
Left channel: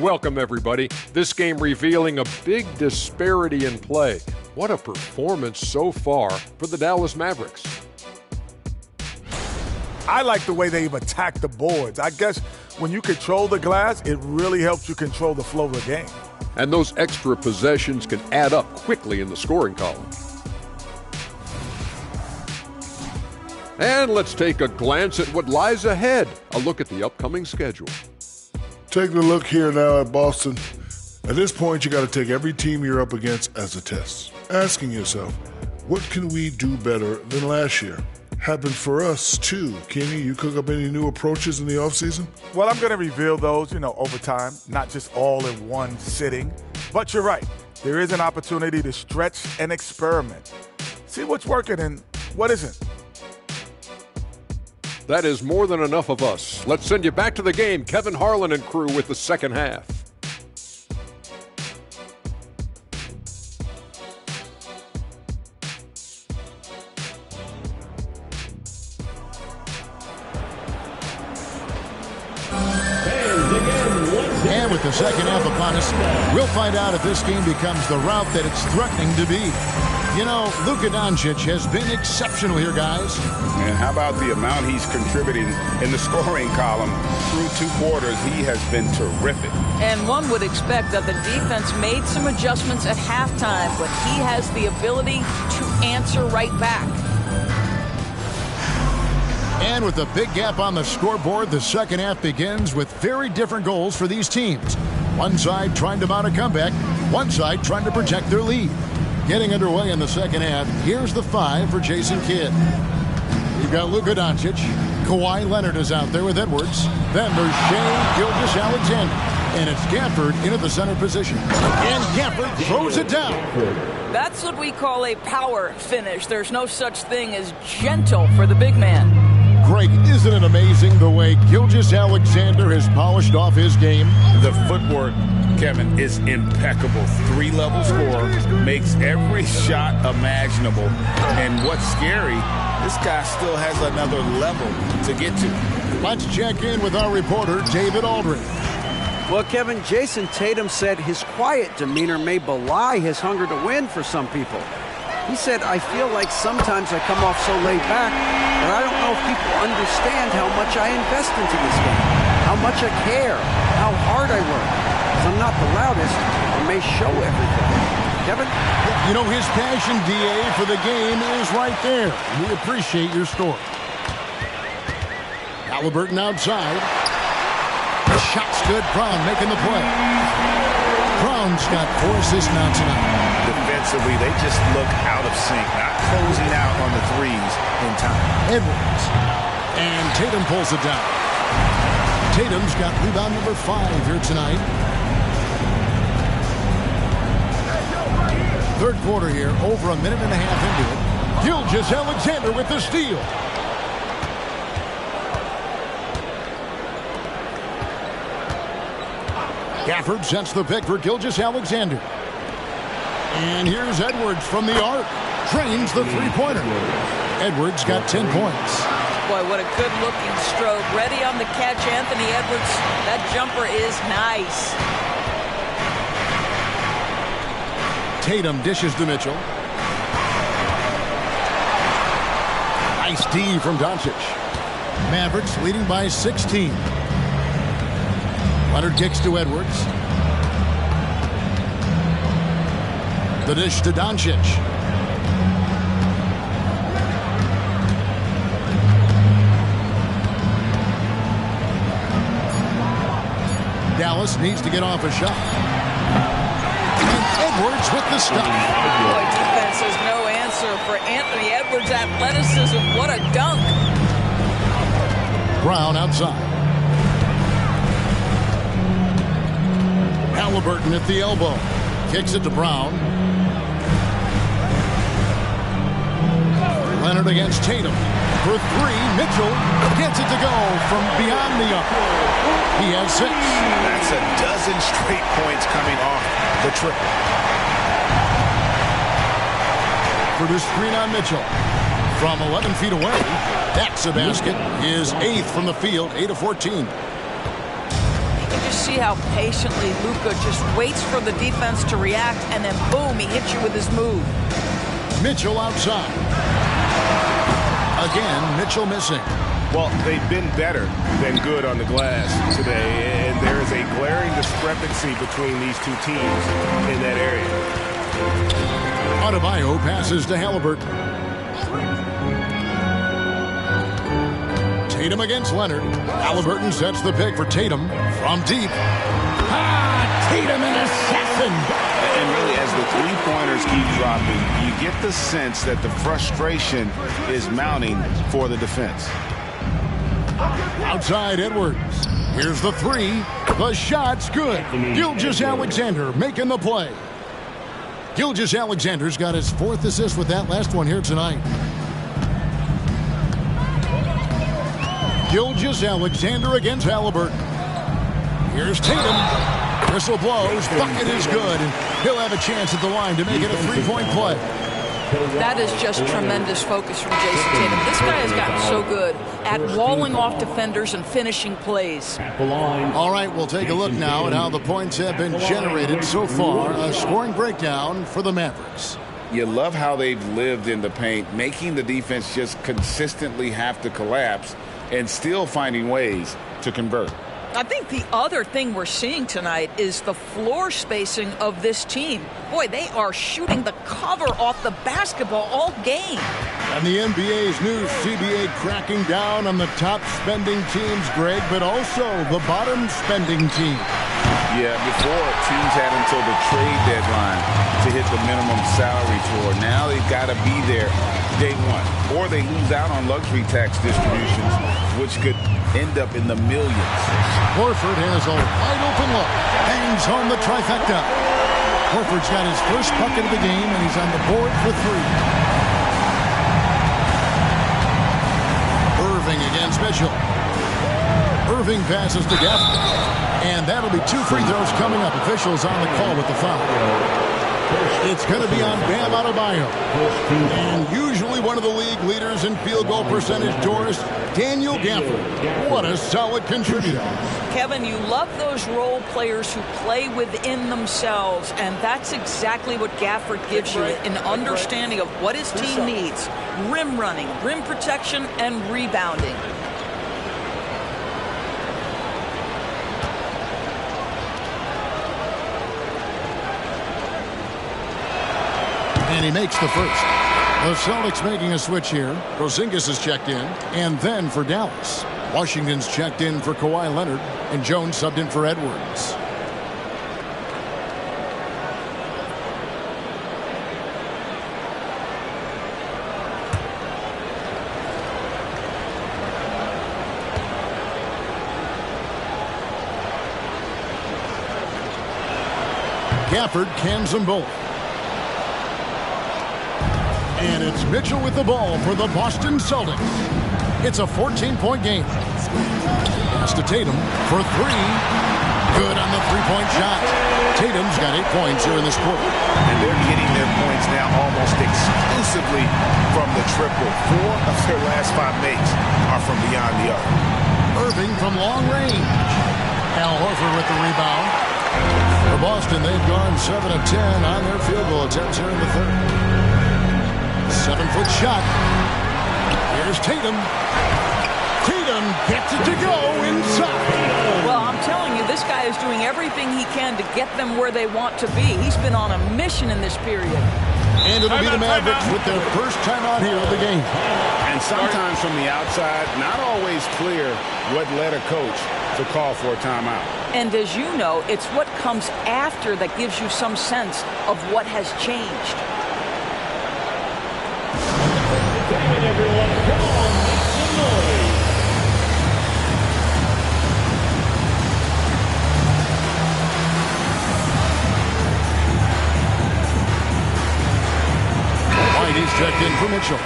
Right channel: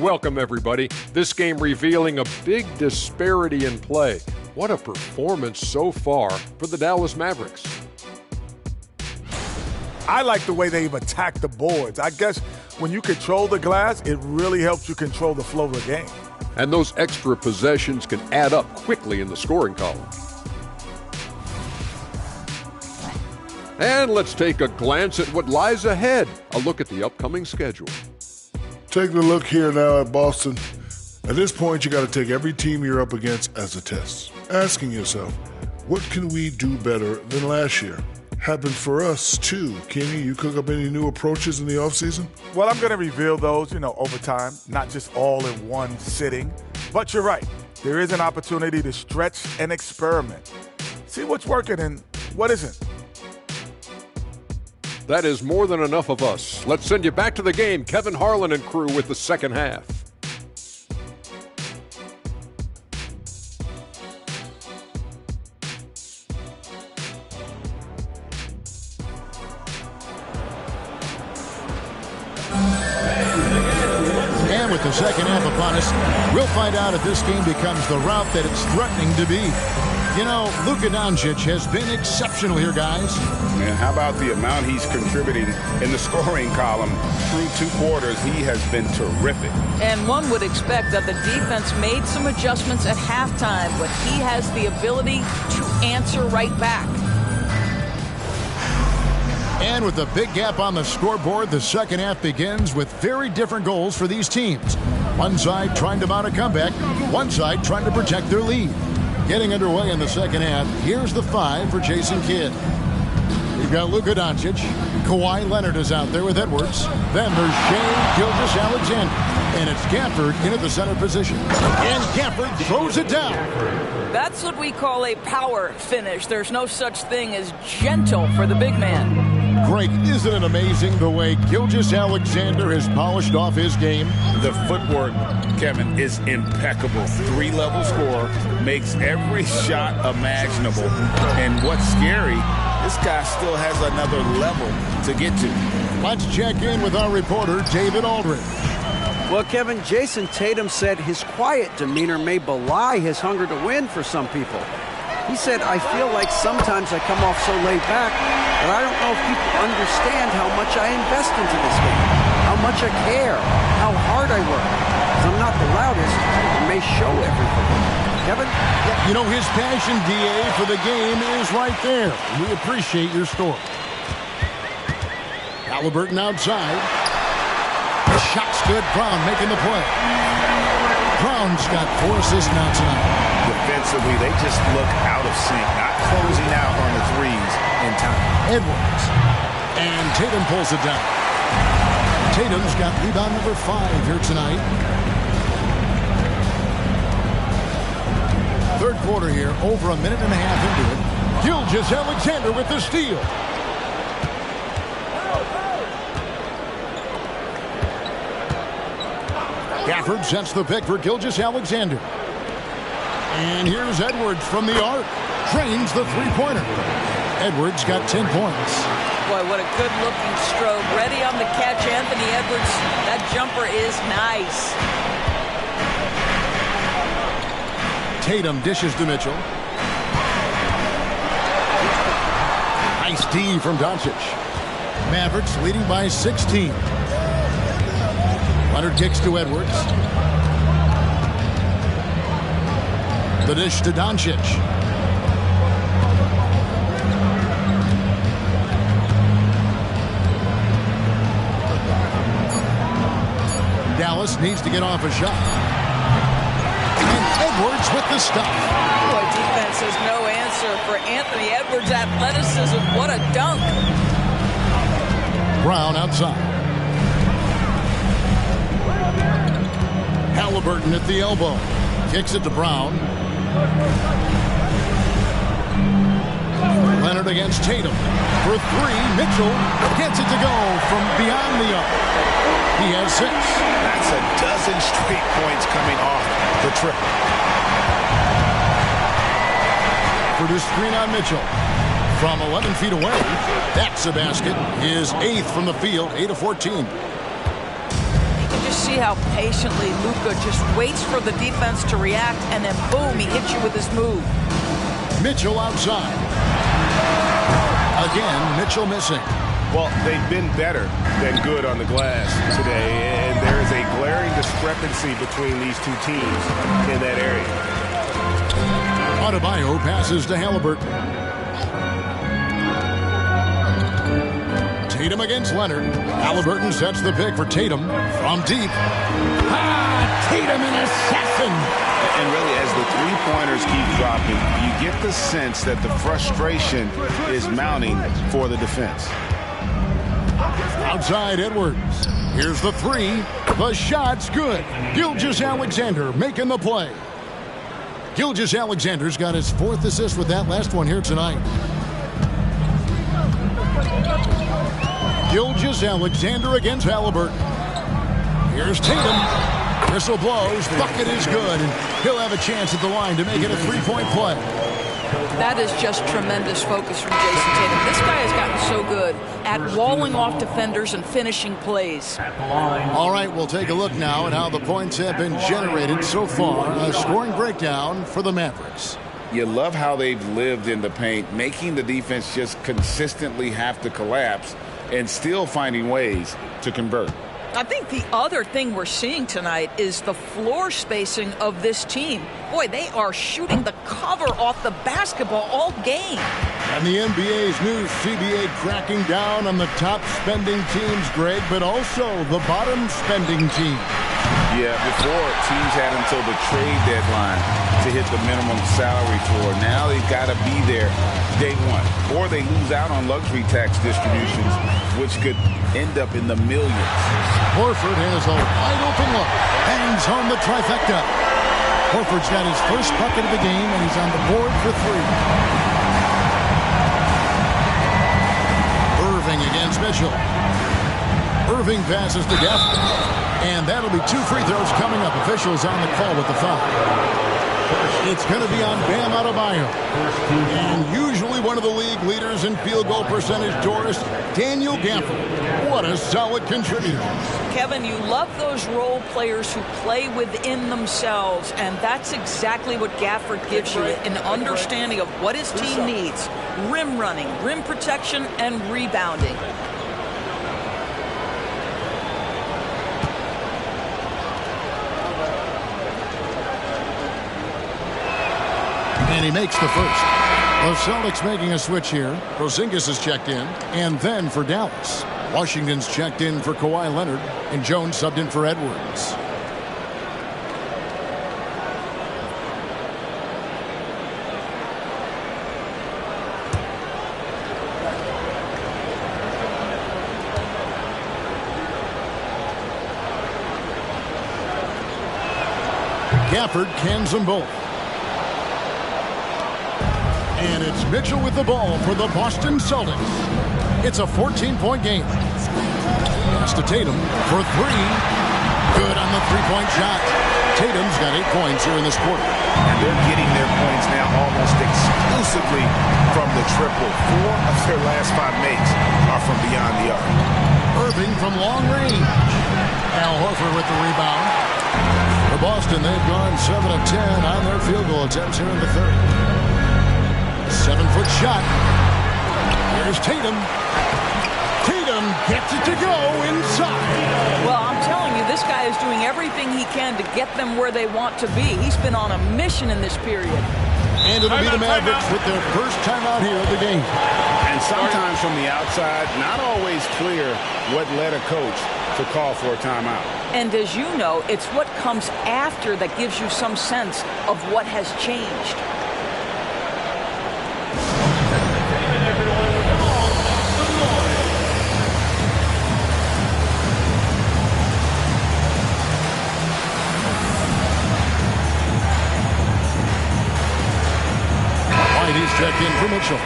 Welcome, everybody. This game revealing a big disparity in play. What a performance so far for the Dallas Mavericks. I like the way they've attacked the boards. I guess when you control the glass, it really helps you control the flow of the game. And those extra possessions can add up quickly in the scoring column. And let's take a glance at what lies ahead. A look at the upcoming schedule. Take a look here now at Boston. At this point, you got to take every team you're up against as a test. Asking yourself, what can we do better than last year? Happened for us, too. Kenny, you cook up any new approaches in the offseason? Well, I'm going to reveal those, over time, not just all in one sitting. But you're right. There is an opportunity to stretch and experiment. See what's working and what isn't. That is more than enough of us. Let's send you back to the game. Kevin Harlan and crew with the second half. And with the second half upon us, we'll find out if this game becomes the route that it's threatening to be. Luka Doncic has been exceptional here, guys. And how about the amount he's contributing in the scoring column through 2 quarters? He has been terrific. And one would expect that the defense made some adjustments at halftime, but he has the ability to answer right back. And with a big gap on the scoreboard, the second half begins with very different goals for these teams. One side trying to mount a comeback, one side trying to protect their lead. Getting underway in the second half, here's the 5 for Jason Kidd. You've got Luka Doncic. Kawhi Leonard is out there with Edwards. Then there's Shai Gilgeous-Alexander. And it's Gafford in at the center position. And Gafford throws it down. That's what we call a power finish. There's no such thing as gentle for the big man. Greg, isn't it amazing the way Gilgeous-Alexander has polished off his game? The footwork, Kevin, is impeccable. 3-level scorer, makes every shot imaginable. And what's scary, this guy still has another level to get to. Let's check in with our reporter, David Aldridge. Well, Kevin, Jason Tatum said his quiet demeanor may belie his hunger to win for some people. He said, I feel like sometimes I come off so laid back that I don't know if people understand how much I invest into this game, how much I care, how hard I work. Because I'm not the loudest or may show everything. Kevin? His passion, DA, for the game is right there. We appreciate your story. Halliburton outside. Shot's good. Brown making the play. Brown's got 4 assists now tonight. Defensively, they just look out of sync, not closing out on the threes in time. Edwards. And Tatum pulls it down. Tatum's got rebound number 5 here tonight. Third quarter here, over a minute and a half into it. Gilgeous-Alexander with the steal. Gafford sets the pick for Gilgeous-Alexander. And here's Edwards from the arc. Drains the three-pointer. Edwards got 10 points. Boy, what a good-looking stroke. Ready on the catch, Anthony Edwards. That jumper is nice. Tatum dishes to Mitchell. Nice D from Doncic. Mavericks leading by 16. Leonard kicks to Edwards. The dish to Doncic. Dallas needs to get off a shot. And Edwards with the stuff. Boy, defense has no answer for Anthony Edwards' athleticism. What a dunk. Brown outside. Halliburton at the elbow. Kicks it to Brown. Leonard against Tatum. For 3, Mitchell gets it to go from beyond the arc. He has 6. That's a dozen straight points coming off the trip. For the screen on Mitchell. From 11 feet away, that's a basket. His 8th from the field, 8 of 14. can just see how patiently Luka just waits for the defense to react, and then boom, he hits you with his move. Mitchell outside. Again, Mitchell missing. Well, they've been better than good on the glass today, and there is a glaring discrepancy between these two teams in that area. Adebayo passes to Halliburton. Tatum against Leonard. Halliburton sets the pick for Tatum from deep. Tatum, an assassin. And really, as the three-pointers keep dropping, you get the sense that the frustration is mounting for the defense. Outside Edwards. Here's the three. The shot's good. Gilgeous-Alexander making the play. Gilgeous-Alexander's got his 4th assist with that last one here tonight. Gilgeous-Alexander against Halliburton. Here's Tatum. Whistle blows. Bucket is good, and he'll have a chance at the line to make it a three-point play. That is just tremendous focus from Jason Tatum. This guy has gotten so good at walling off defenders and finishing plays. All right, we'll take a look now at how the points have been generated so far. A scoring breakdown for the Mavericks. You love how they've lived in the paint, making the defense just consistently have to collapse and still finding ways to convert. I think the other thing we're seeing tonight is the floor spacing of this team. Boy, they are shooting the cover off the basketball all game. And the NBA's new CBA cracking down on the top spending teams, Greg, but also the bottom spending teams. Yeah, before teams had until the trade deadline to hit the minimum salary floor. Now they've got to be there day one, or they lose out on luxury tax distributions, which could end up in the millions. Horford has a wide open look. Bangs home the trifecta. Horford's got his first bucket of the game, and he's on the board for 3. Irving against Mitchell. Irving passes to Gaffney. And that'll be 2 free throws coming up. Officials on the call with the foul. It's going to be on Bam Adebayo. And usually one of the league leaders in field goal percentage, Doris, Daniel Gaffney. What a solid contributor. Kevin, you love those role players who play within themselves, and that's exactly what Gafford gives you, an understanding of what his team needs. Rim running, rim protection, and rebounding. And he makes the first. The Celtics making a switch here. Porzingis is checked in. And then for Dallas, Washington's checked in for Kawhi Leonard. And Jones subbed in for Edwards. Gafford cans them both. And it's Mitchell with the ball for the Boston Celtics. It's a 14-point game. Pass to Tatum for 3. Good on the three-point shot. Tatum's got 8 points here in this quarter. And they're getting their points now almost exclusively from the triple. 4 of their last 5 makes are from beyond the arc. Irving from long range. Al Horford with the rebound. For Boston, they've gone 7 of 10 on their field goal attempts here in the third. 7-foot shot. Here's Tatum. Tatum gets it to go inside. Well, I'm telling you, this guy is doing everything he can to get them where they want to be. He's been on a mission in this period. And it'll be the Mavericks with their first timeout here of the game. And sometimes from the outside, not always clear what led a coach to call for a timeout. And as you know, it's what comes after that gives you some sense of what has changed. He's checked in for Mitchell.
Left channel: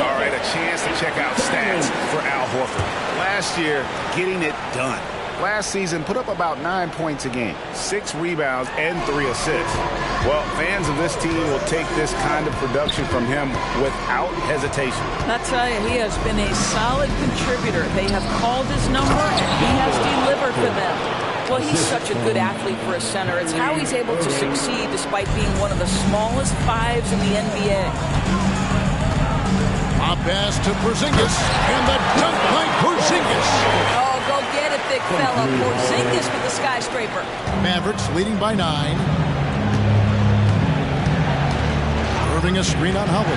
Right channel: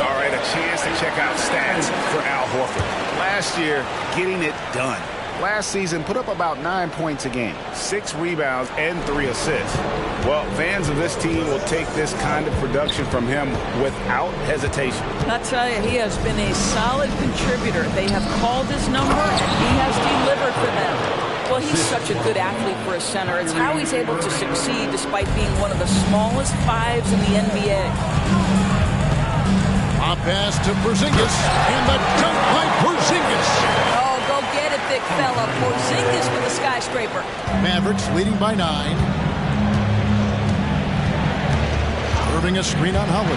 All right, a chance to check out stats for Al Horford. Last year, getting it done. Last season, put up about 9 points a game, 6 rebounds, and 3 assists. Well, fans of this team will take this kind of production from him without hesitation. I tell you, he has been a solid contributor. They have called his number, and he has delivered for them. Well, he's such a good athlete for a center. It's how he's able to succeed despite being one of the smallest fives in the NBA. A pass to Porzingis, and the dunk by Porzingis. Oh, go get it, big fella. Porzingis with the skyscraper. Mavericks leading by 9. Irving a screen on Holiday.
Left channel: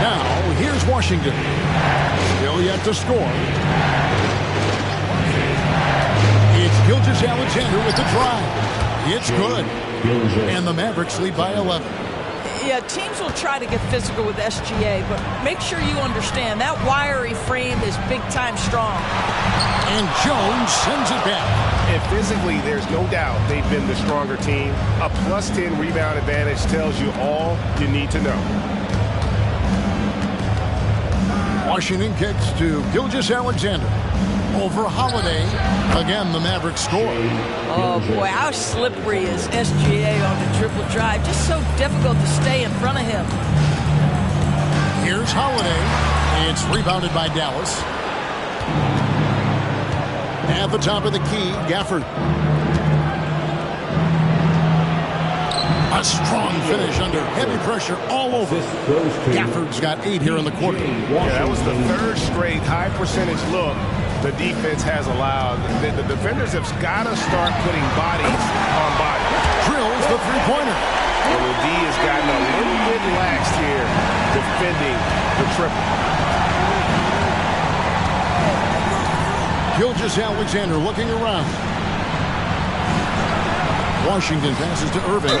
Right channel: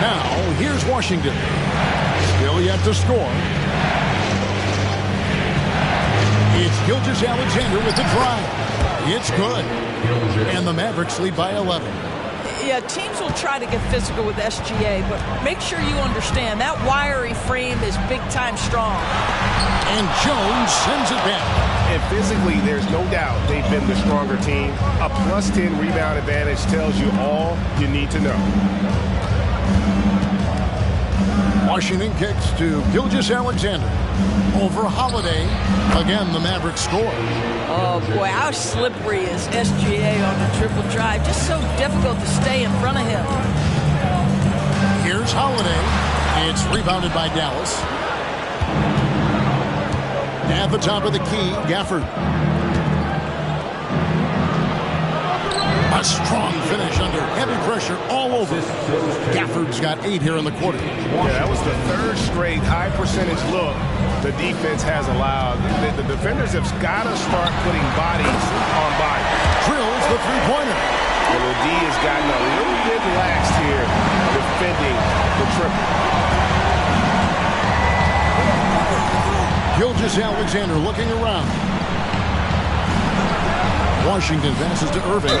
Now, here's Washington. Still yet to score. It's Gilgeous-Alexander with the drive. It's good. And the Mavericks lead by 11. Yeah, teams will try to get physical with SGA, but make sure you understand that wiry frame is big-time strong. And Jones sends it back. And physically, there's no doubt they've been the stronger team. A +10 rebound advantage tells you all you need to know. Washington kicks to Gilgeous-Alexander. Over Holiday. Again, the Mavericks score. Oh, boy, how slippery is SGA on the dribble drive. Just so difficult to stay in front of him. Here's Holiday. It's rebounded by Dallas. At the top of the key, Gafford. A strong finish under heavy pressure all over. Gafford's got 8 here in the quarter. Yeah, that was the third straight high percentage look the defense has allowed. The defenders have got to start putting bodies on bodies. Drills the three-pointer. Well, the D has gotten a little bit laxed here defending the triple. Gilgeous-Alexander looking around. Washington passes to Irving.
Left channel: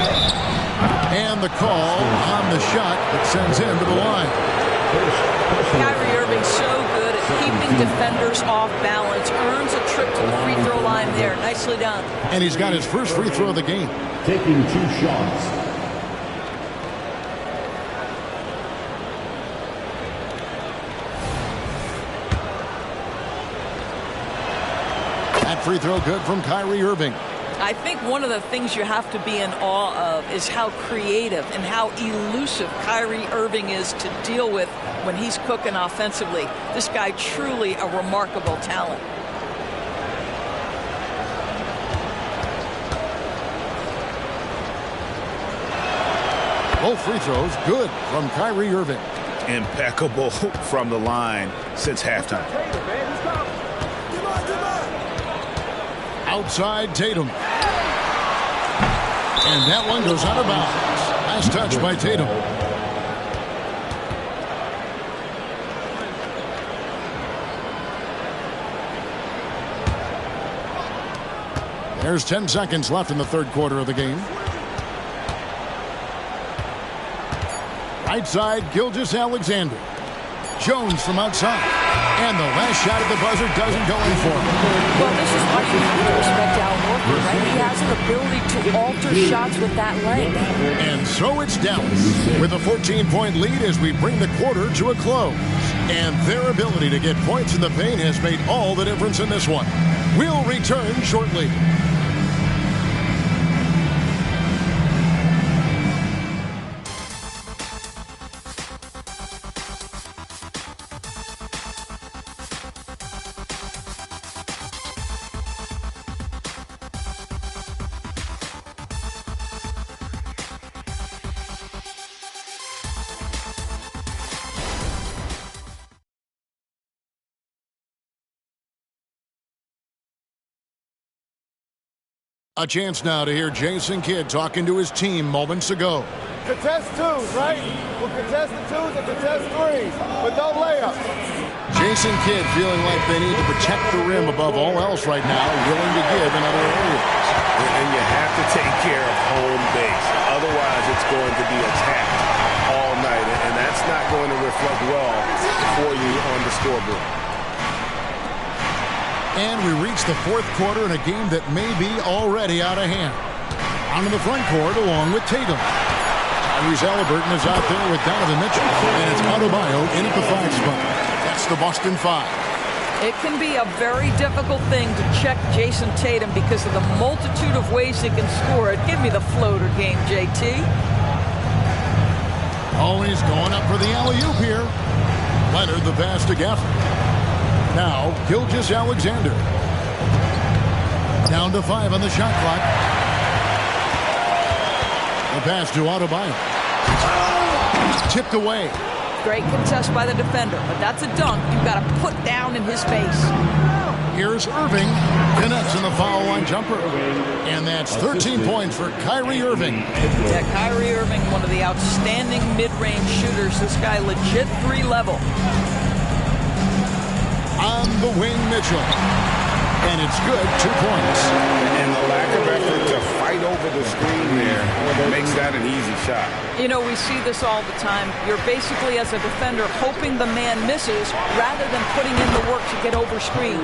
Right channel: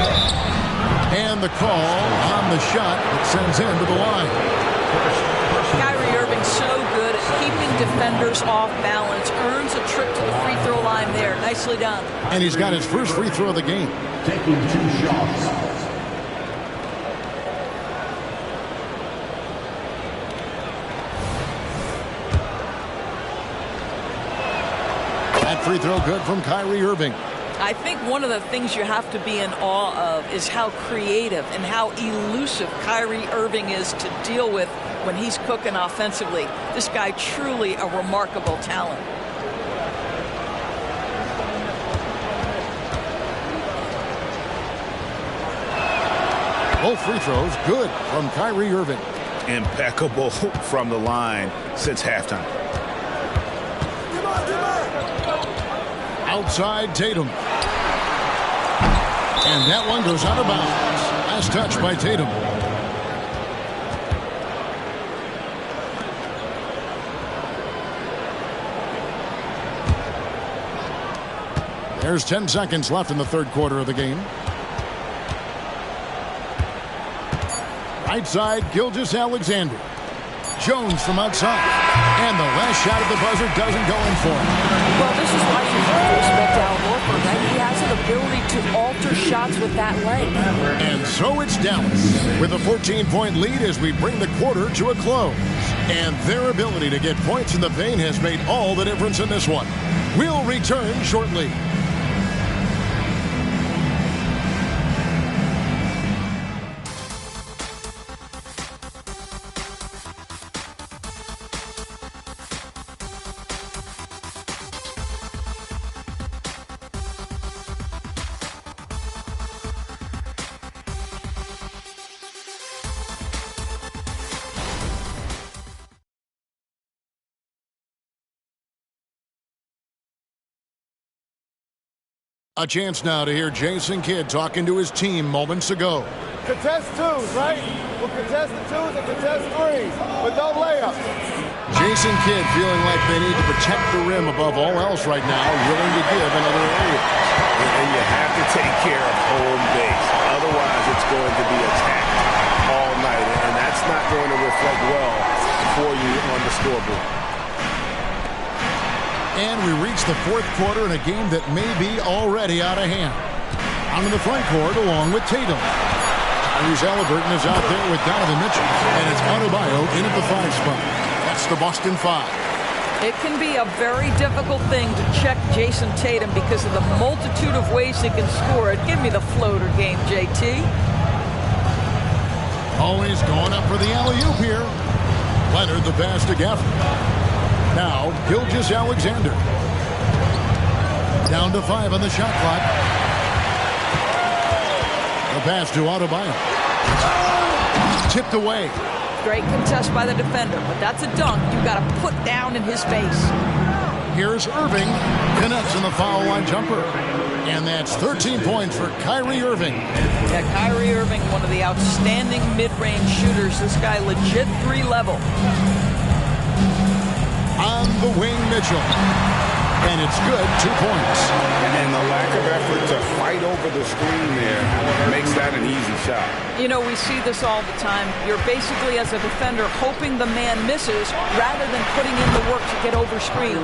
And the call on the shot that sends him to the line. Kyrie Irving so good at keeping defenders off balance. Earns a trip to the free throw line there. Nicely done. And he's got his first free throw of the game. Taking 2 shots. That free throw good from Kyrie Irving. I think one of the things you have to be in awe of is how creative and how elusive Kyrie Irving is to deal with when he's cooking offensively. This guy truly a remarkable talent. Both free throws good from Kyrie Irving. Impeccable from the line since halftime. Outside Tatum. And that one goes out of bounds. Last touch by Tatum. There's 10 seconds left in the third quarter of the game. Right side, Gilgeous-Alexander. Jones from outside. And the last shot at the buzzer doesn't go in for him. Well, this is why you have to respect Al Horford, right? He has an ability to alter shots with that leg. And so it's Dallas with a 14-point lead as we bring the quarter to a close. And their ability to get points in the paint has made all the difference in this one. We'll return shortly. A chance now to hear Jason Kidd talking to his team moments ago. Contest twos, right? We'll contest the twos and contest threes, but no layups. Jason Kidd feeling like they need to protect the rim above all else right now, willing to give in other areas. And you have to take care of home base. Otherwise, it's going to be attacked all night, and that's not going to reflect well for you on the scoreboard. And we reach the fourth quarter in a game that may be already out of hand. Out in the front court along with Tatum. Tyrese Halliburton is out there with Donovan Mitchell. And it's Adebayo in at the 5 spot. That's the Boston 5. It can be a very difficult thing to check Jason Tatum because of the multitude of ways he can score it. Give me the floater game, JT. Always going up for the alley-oop here. Leonard the pass to Gafford. Now, Gilgeous-Alexander. Down to 5 on the shot clock. The pass to Adebayo. Tipped away. Great contest by the defender, but that's a dunk you got to put down in his face. Here's Irving. Connects in the foul line jumper. And that's 13 points for Kyrie Irving. Yeah, Kyrie Irving, one of the outstanding mid-range shooters. This guy legit 3-level. On the wing, Mitchell. And it's good, 2 points. And the lack of effort to fight over the screen there makes that an easy shot. You know, we see this all the time. You're basically, as a defender, hoping the man misses rather than putting in the work to get over screens.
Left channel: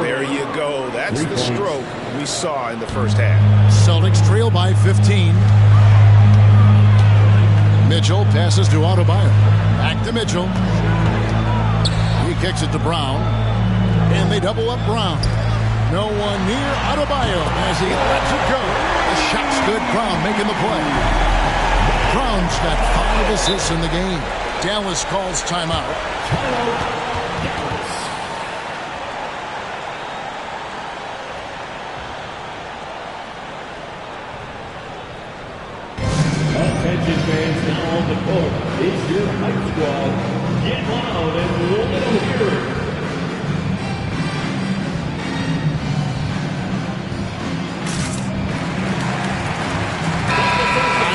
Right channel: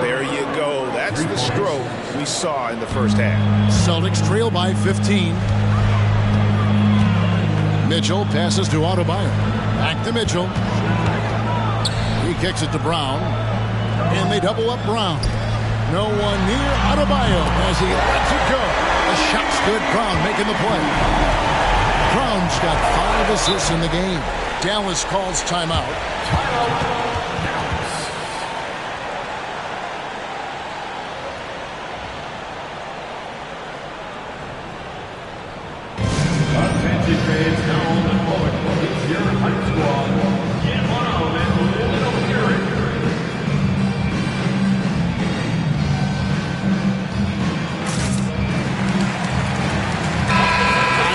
There you go. That's the stroke we saw in the first half. Celtics trail by 15. Mitchell passes to Adebayo. Back to Mitchell. He kicks it to Brown. And they double up Brown. No one near Adebayo as he lets it go. The shot's good. Brown making the play. Brown's got 5 assists in the game. Dallas calls timeout. Attention fans now on the court. It's your hype squad. Get loud and let them hear it.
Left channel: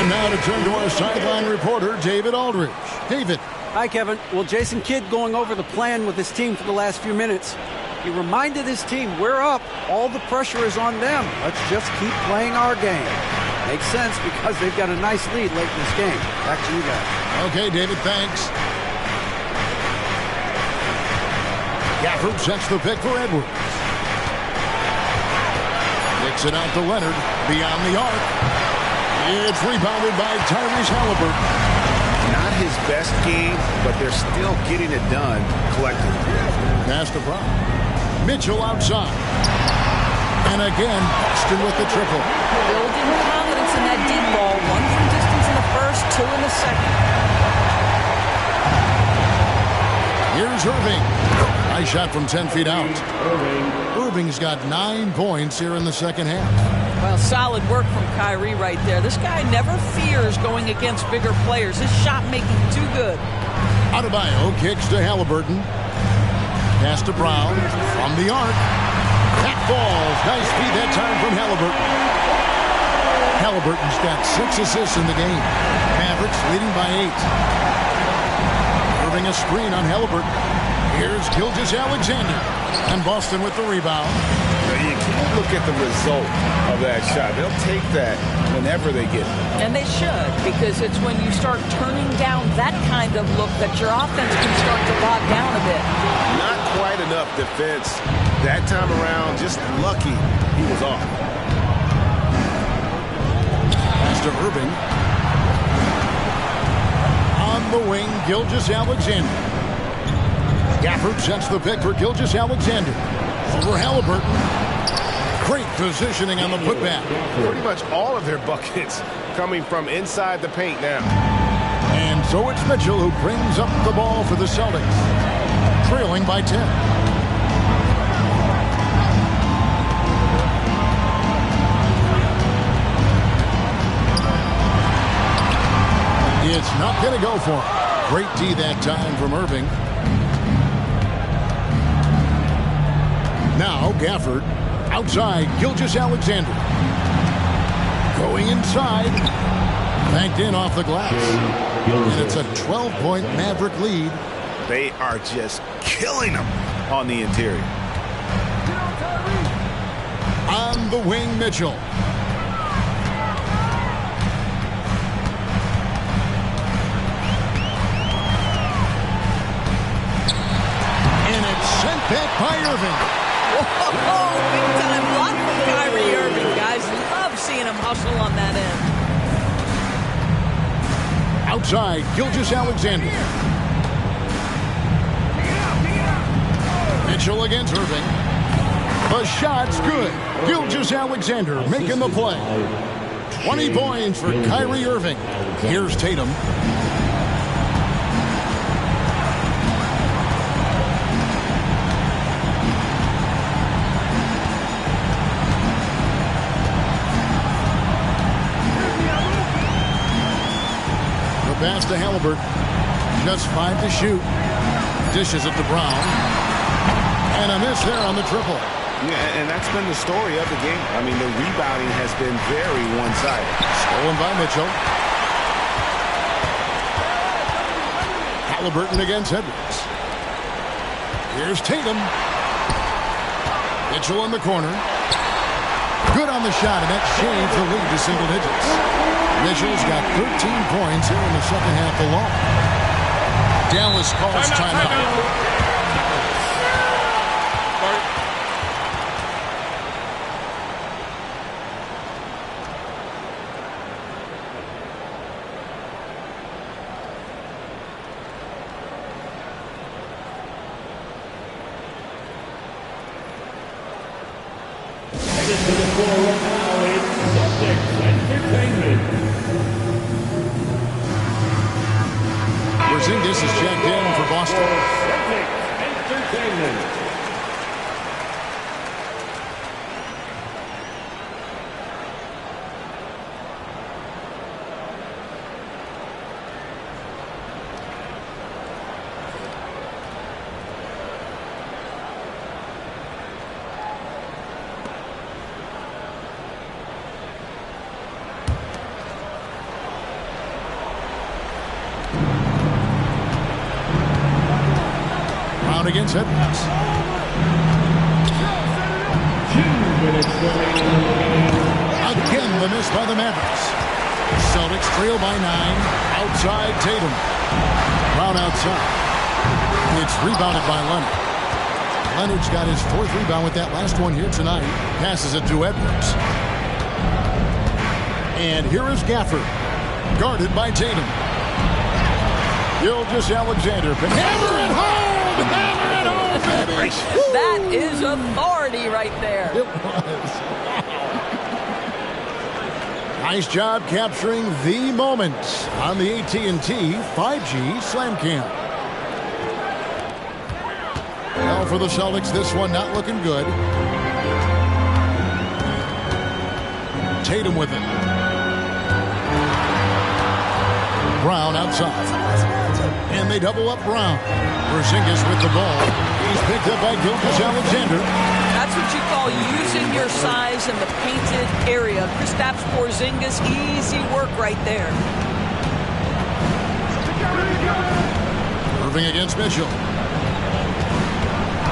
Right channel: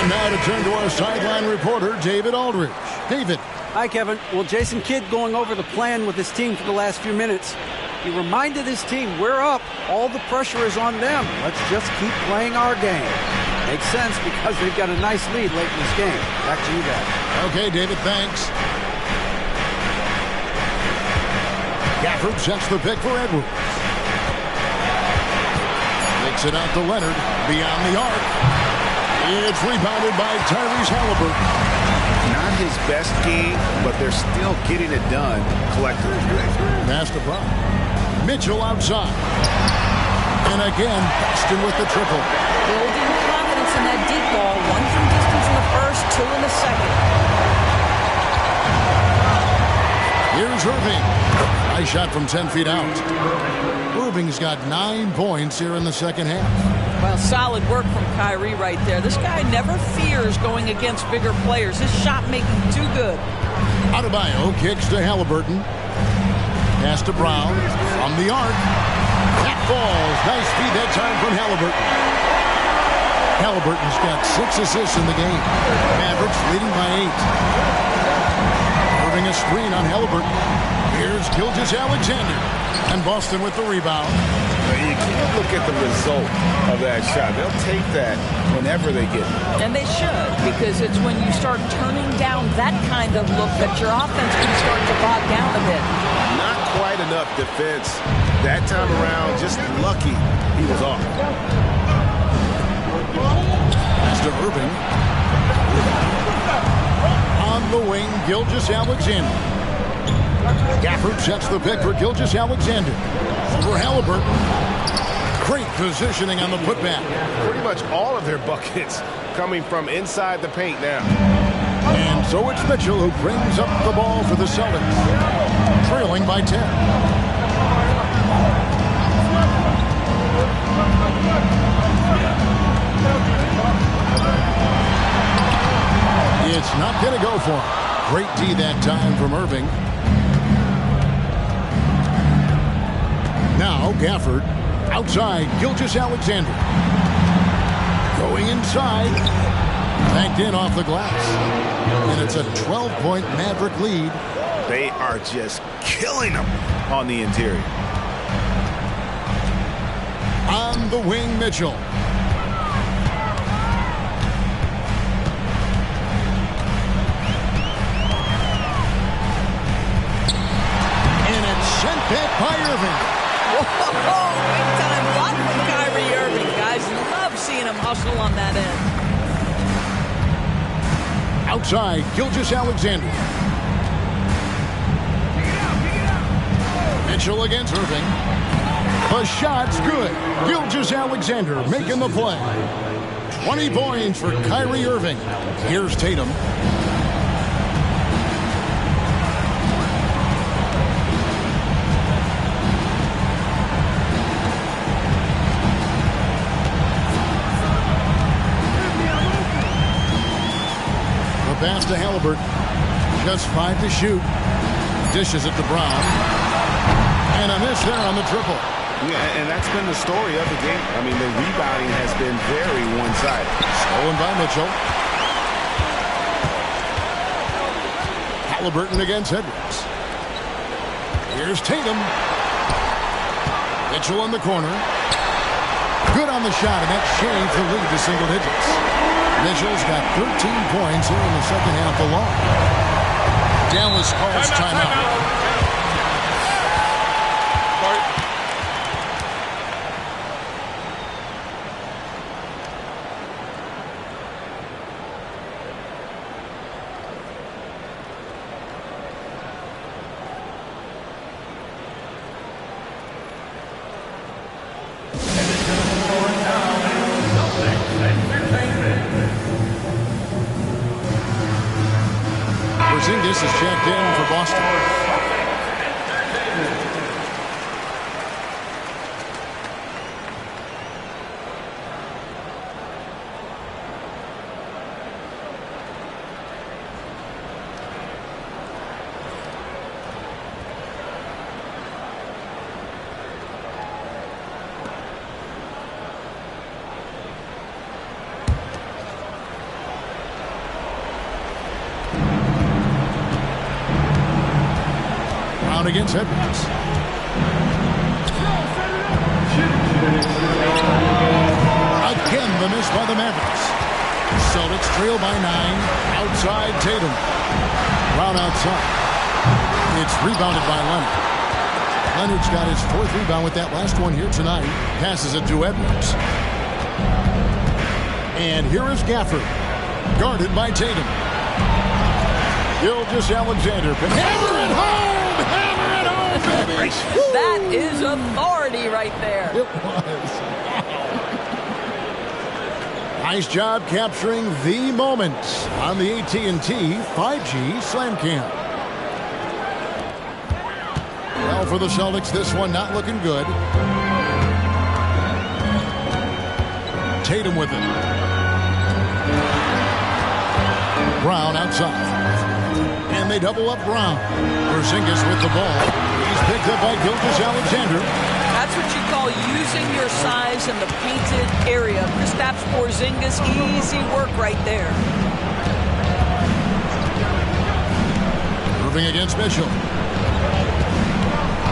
Now to turn to our sideline reporter, David Aldridge. David. Hi, Kevin. Well, Jason Kidd going over the plan with his team for the last few minutes. He reminded his team, we're up. All the pressure is on them. Let's just keep playing our game. Makes sense because they've got a nice lead late in this game. Back to you guys. Okay, David, thanks. Gafford sets the pick for Edwards. Kicks it out to Leonard. Beyond the arc. It's rebounded by Tyrese Halliburton. Not his best game, but they're still getting it done collectively. Pass to Brown. Mitchell outside. And again, Boston with the triple. Building confidence in that deep ball. 1 from distance in the first, 2 in the second. Here's Irving. Nice shot from 10 feet out. Irving's got 9 points here in the second half. Well, solid work from Kyrie right there. This guy never fears going against bigger players. His shot making too good. Adebayo kicks to Halliburton. Pass to Brown from the arc. That falls. Nice feed that time from Halliburton. Halliburton's got 6 assists in the game. Mavericks leading by 8. Irving a screen on Halliburton. Here's Gilgeous-Alexander. And Boston with the rebound. You can't look at the result of that shot. They'll take that whenever they get it. And they should, because it's when you start turning down that kind of look that your offense can start to bog down a bit. Not quite enough defense that time around. Just lucky he was off. Pass to Irving. On the wing, Gilgeous-Alexander. Gafford sets the pick for Gilgeous-Alexander. Over Halliburton. Great positioning on the putback. Pretty much all of their buckets coming from inside the paint now. And so it's Mitchell who brings up the ball for the Celtics. Trailing by 10. It's not going to go for him. Great D that time from Irving. Now Gafford. Outside, Gilgeous-Alexander. Going inside. Banked in off the glass. And it's a 12-point Maverick lead. They are just killing them on the interior. On the wing, Mitchell. And it's sent back by Irving. Whoa, big time block from Kyrie Irving. Guys, love seeing him hustle on that end. Outside, Gilgeous-Alexander. Mitchell against Irving. The shot's good. Gilgeous-Alexander making the play. 20 points for Kyrie Irving. Here's Tatum. pass to Halliburton. Just 5 to shoot. Dishes it to Brown. And a miss there on the triple. Yeah, and that's been the story of the game. I mean, the rebounding has been very one-sided. Stolen by Mitchell. Halliburton against Edwards. Here's Tatum. Mitchell in the corner. Good on the shot, and that shaves the lead to single digits. Mitchell's got 13 points here in the second half alone. Dallas calls timeout. Porzingis is checked in for Boston. Against Edwards. Again, the miss by the Mavericks. Celtics trail by 9. Outside Tatum. Brown outside. It's rebounded by Leonard. Leonard's got his 4th rebound with that last one here tonight. Passes it to Edwards. And here is Gafford. Guarded by Tatum. Gilgeous-Alexander can hammer it home! Hammer it home, baby! That is authority right there. It was. Nice job capturing the moment on the AT&T 5G Slam Cam. Well, for the Celtics, this one not looking good. Tatum with it. Brown outside. And they double up Brown. Porzingis with the ball. He's picked up by Gilgeous-Alexander. That's what you call using your size in the painted area. Kristaps Porzingis, easy work right there. Irving against Mitchell.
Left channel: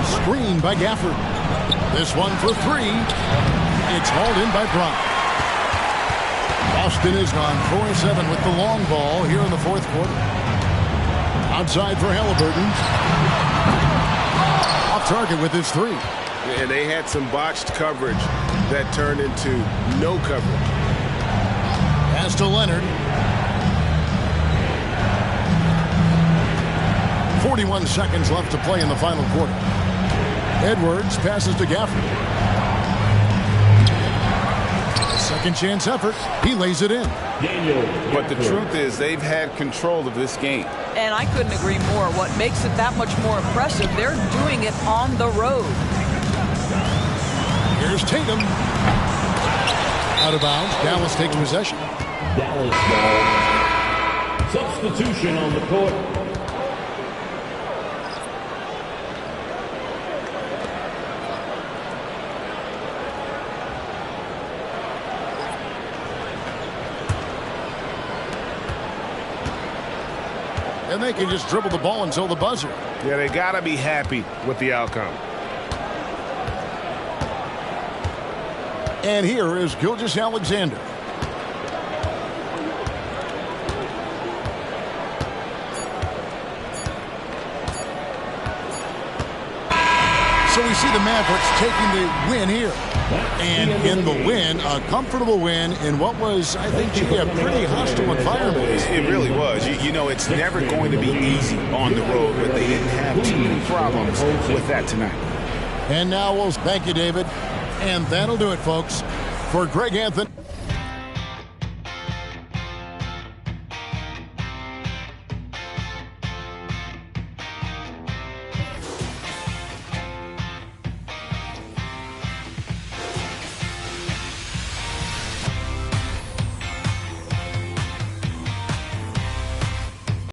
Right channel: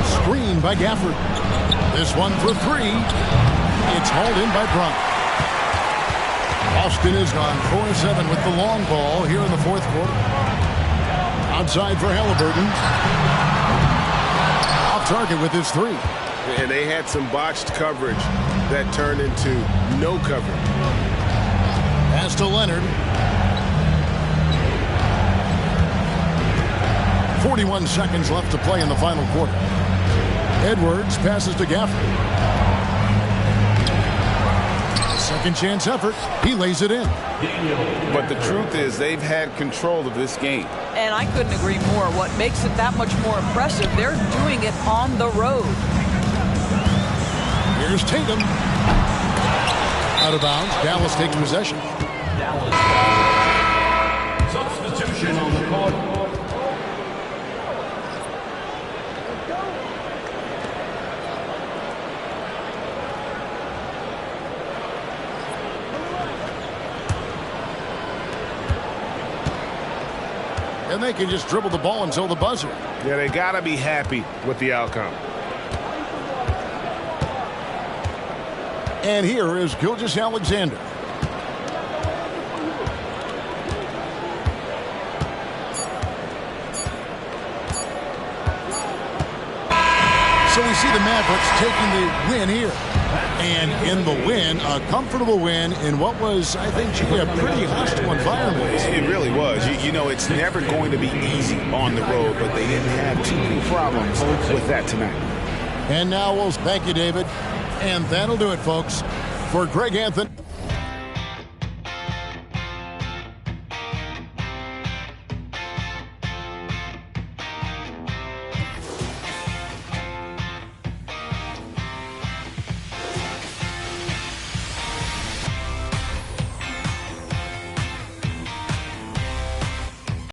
Screen by Gafford. This one for 3. It's hauled in by Brown. Boston is gone 4-7 with the long ball here in the 4th quarter. Outside for Halliburton. Off target with his 3. And they had some botched coverage that turned into no coverage. Pass to Leonard. 41 seconds left to play in the final quarter. Edwards passes to Gafford. Second chance effort. He lays it in. But the truth is they've had control of this game. And I couldn't agree more. What makes it that much more impressive, they're doing it on the road. Here's Tatum. Out of bounds. Dallas takes possession. Dallas substitution on the court. And they can just dribble the ball until the buzzer. Yeah, they got to be happy with the outcome. And here is Gilgeous-Alexander. So we see the Mavericks taking the win here. And in the win, a comfortable win in what was, I think, a pretty hostile environment. It really was. You know, it's never going to be easy on the road, but they didn't have too many problems with that tonight. And now we'll thank you, David. And that'll do it, folks. For Greg Anthony.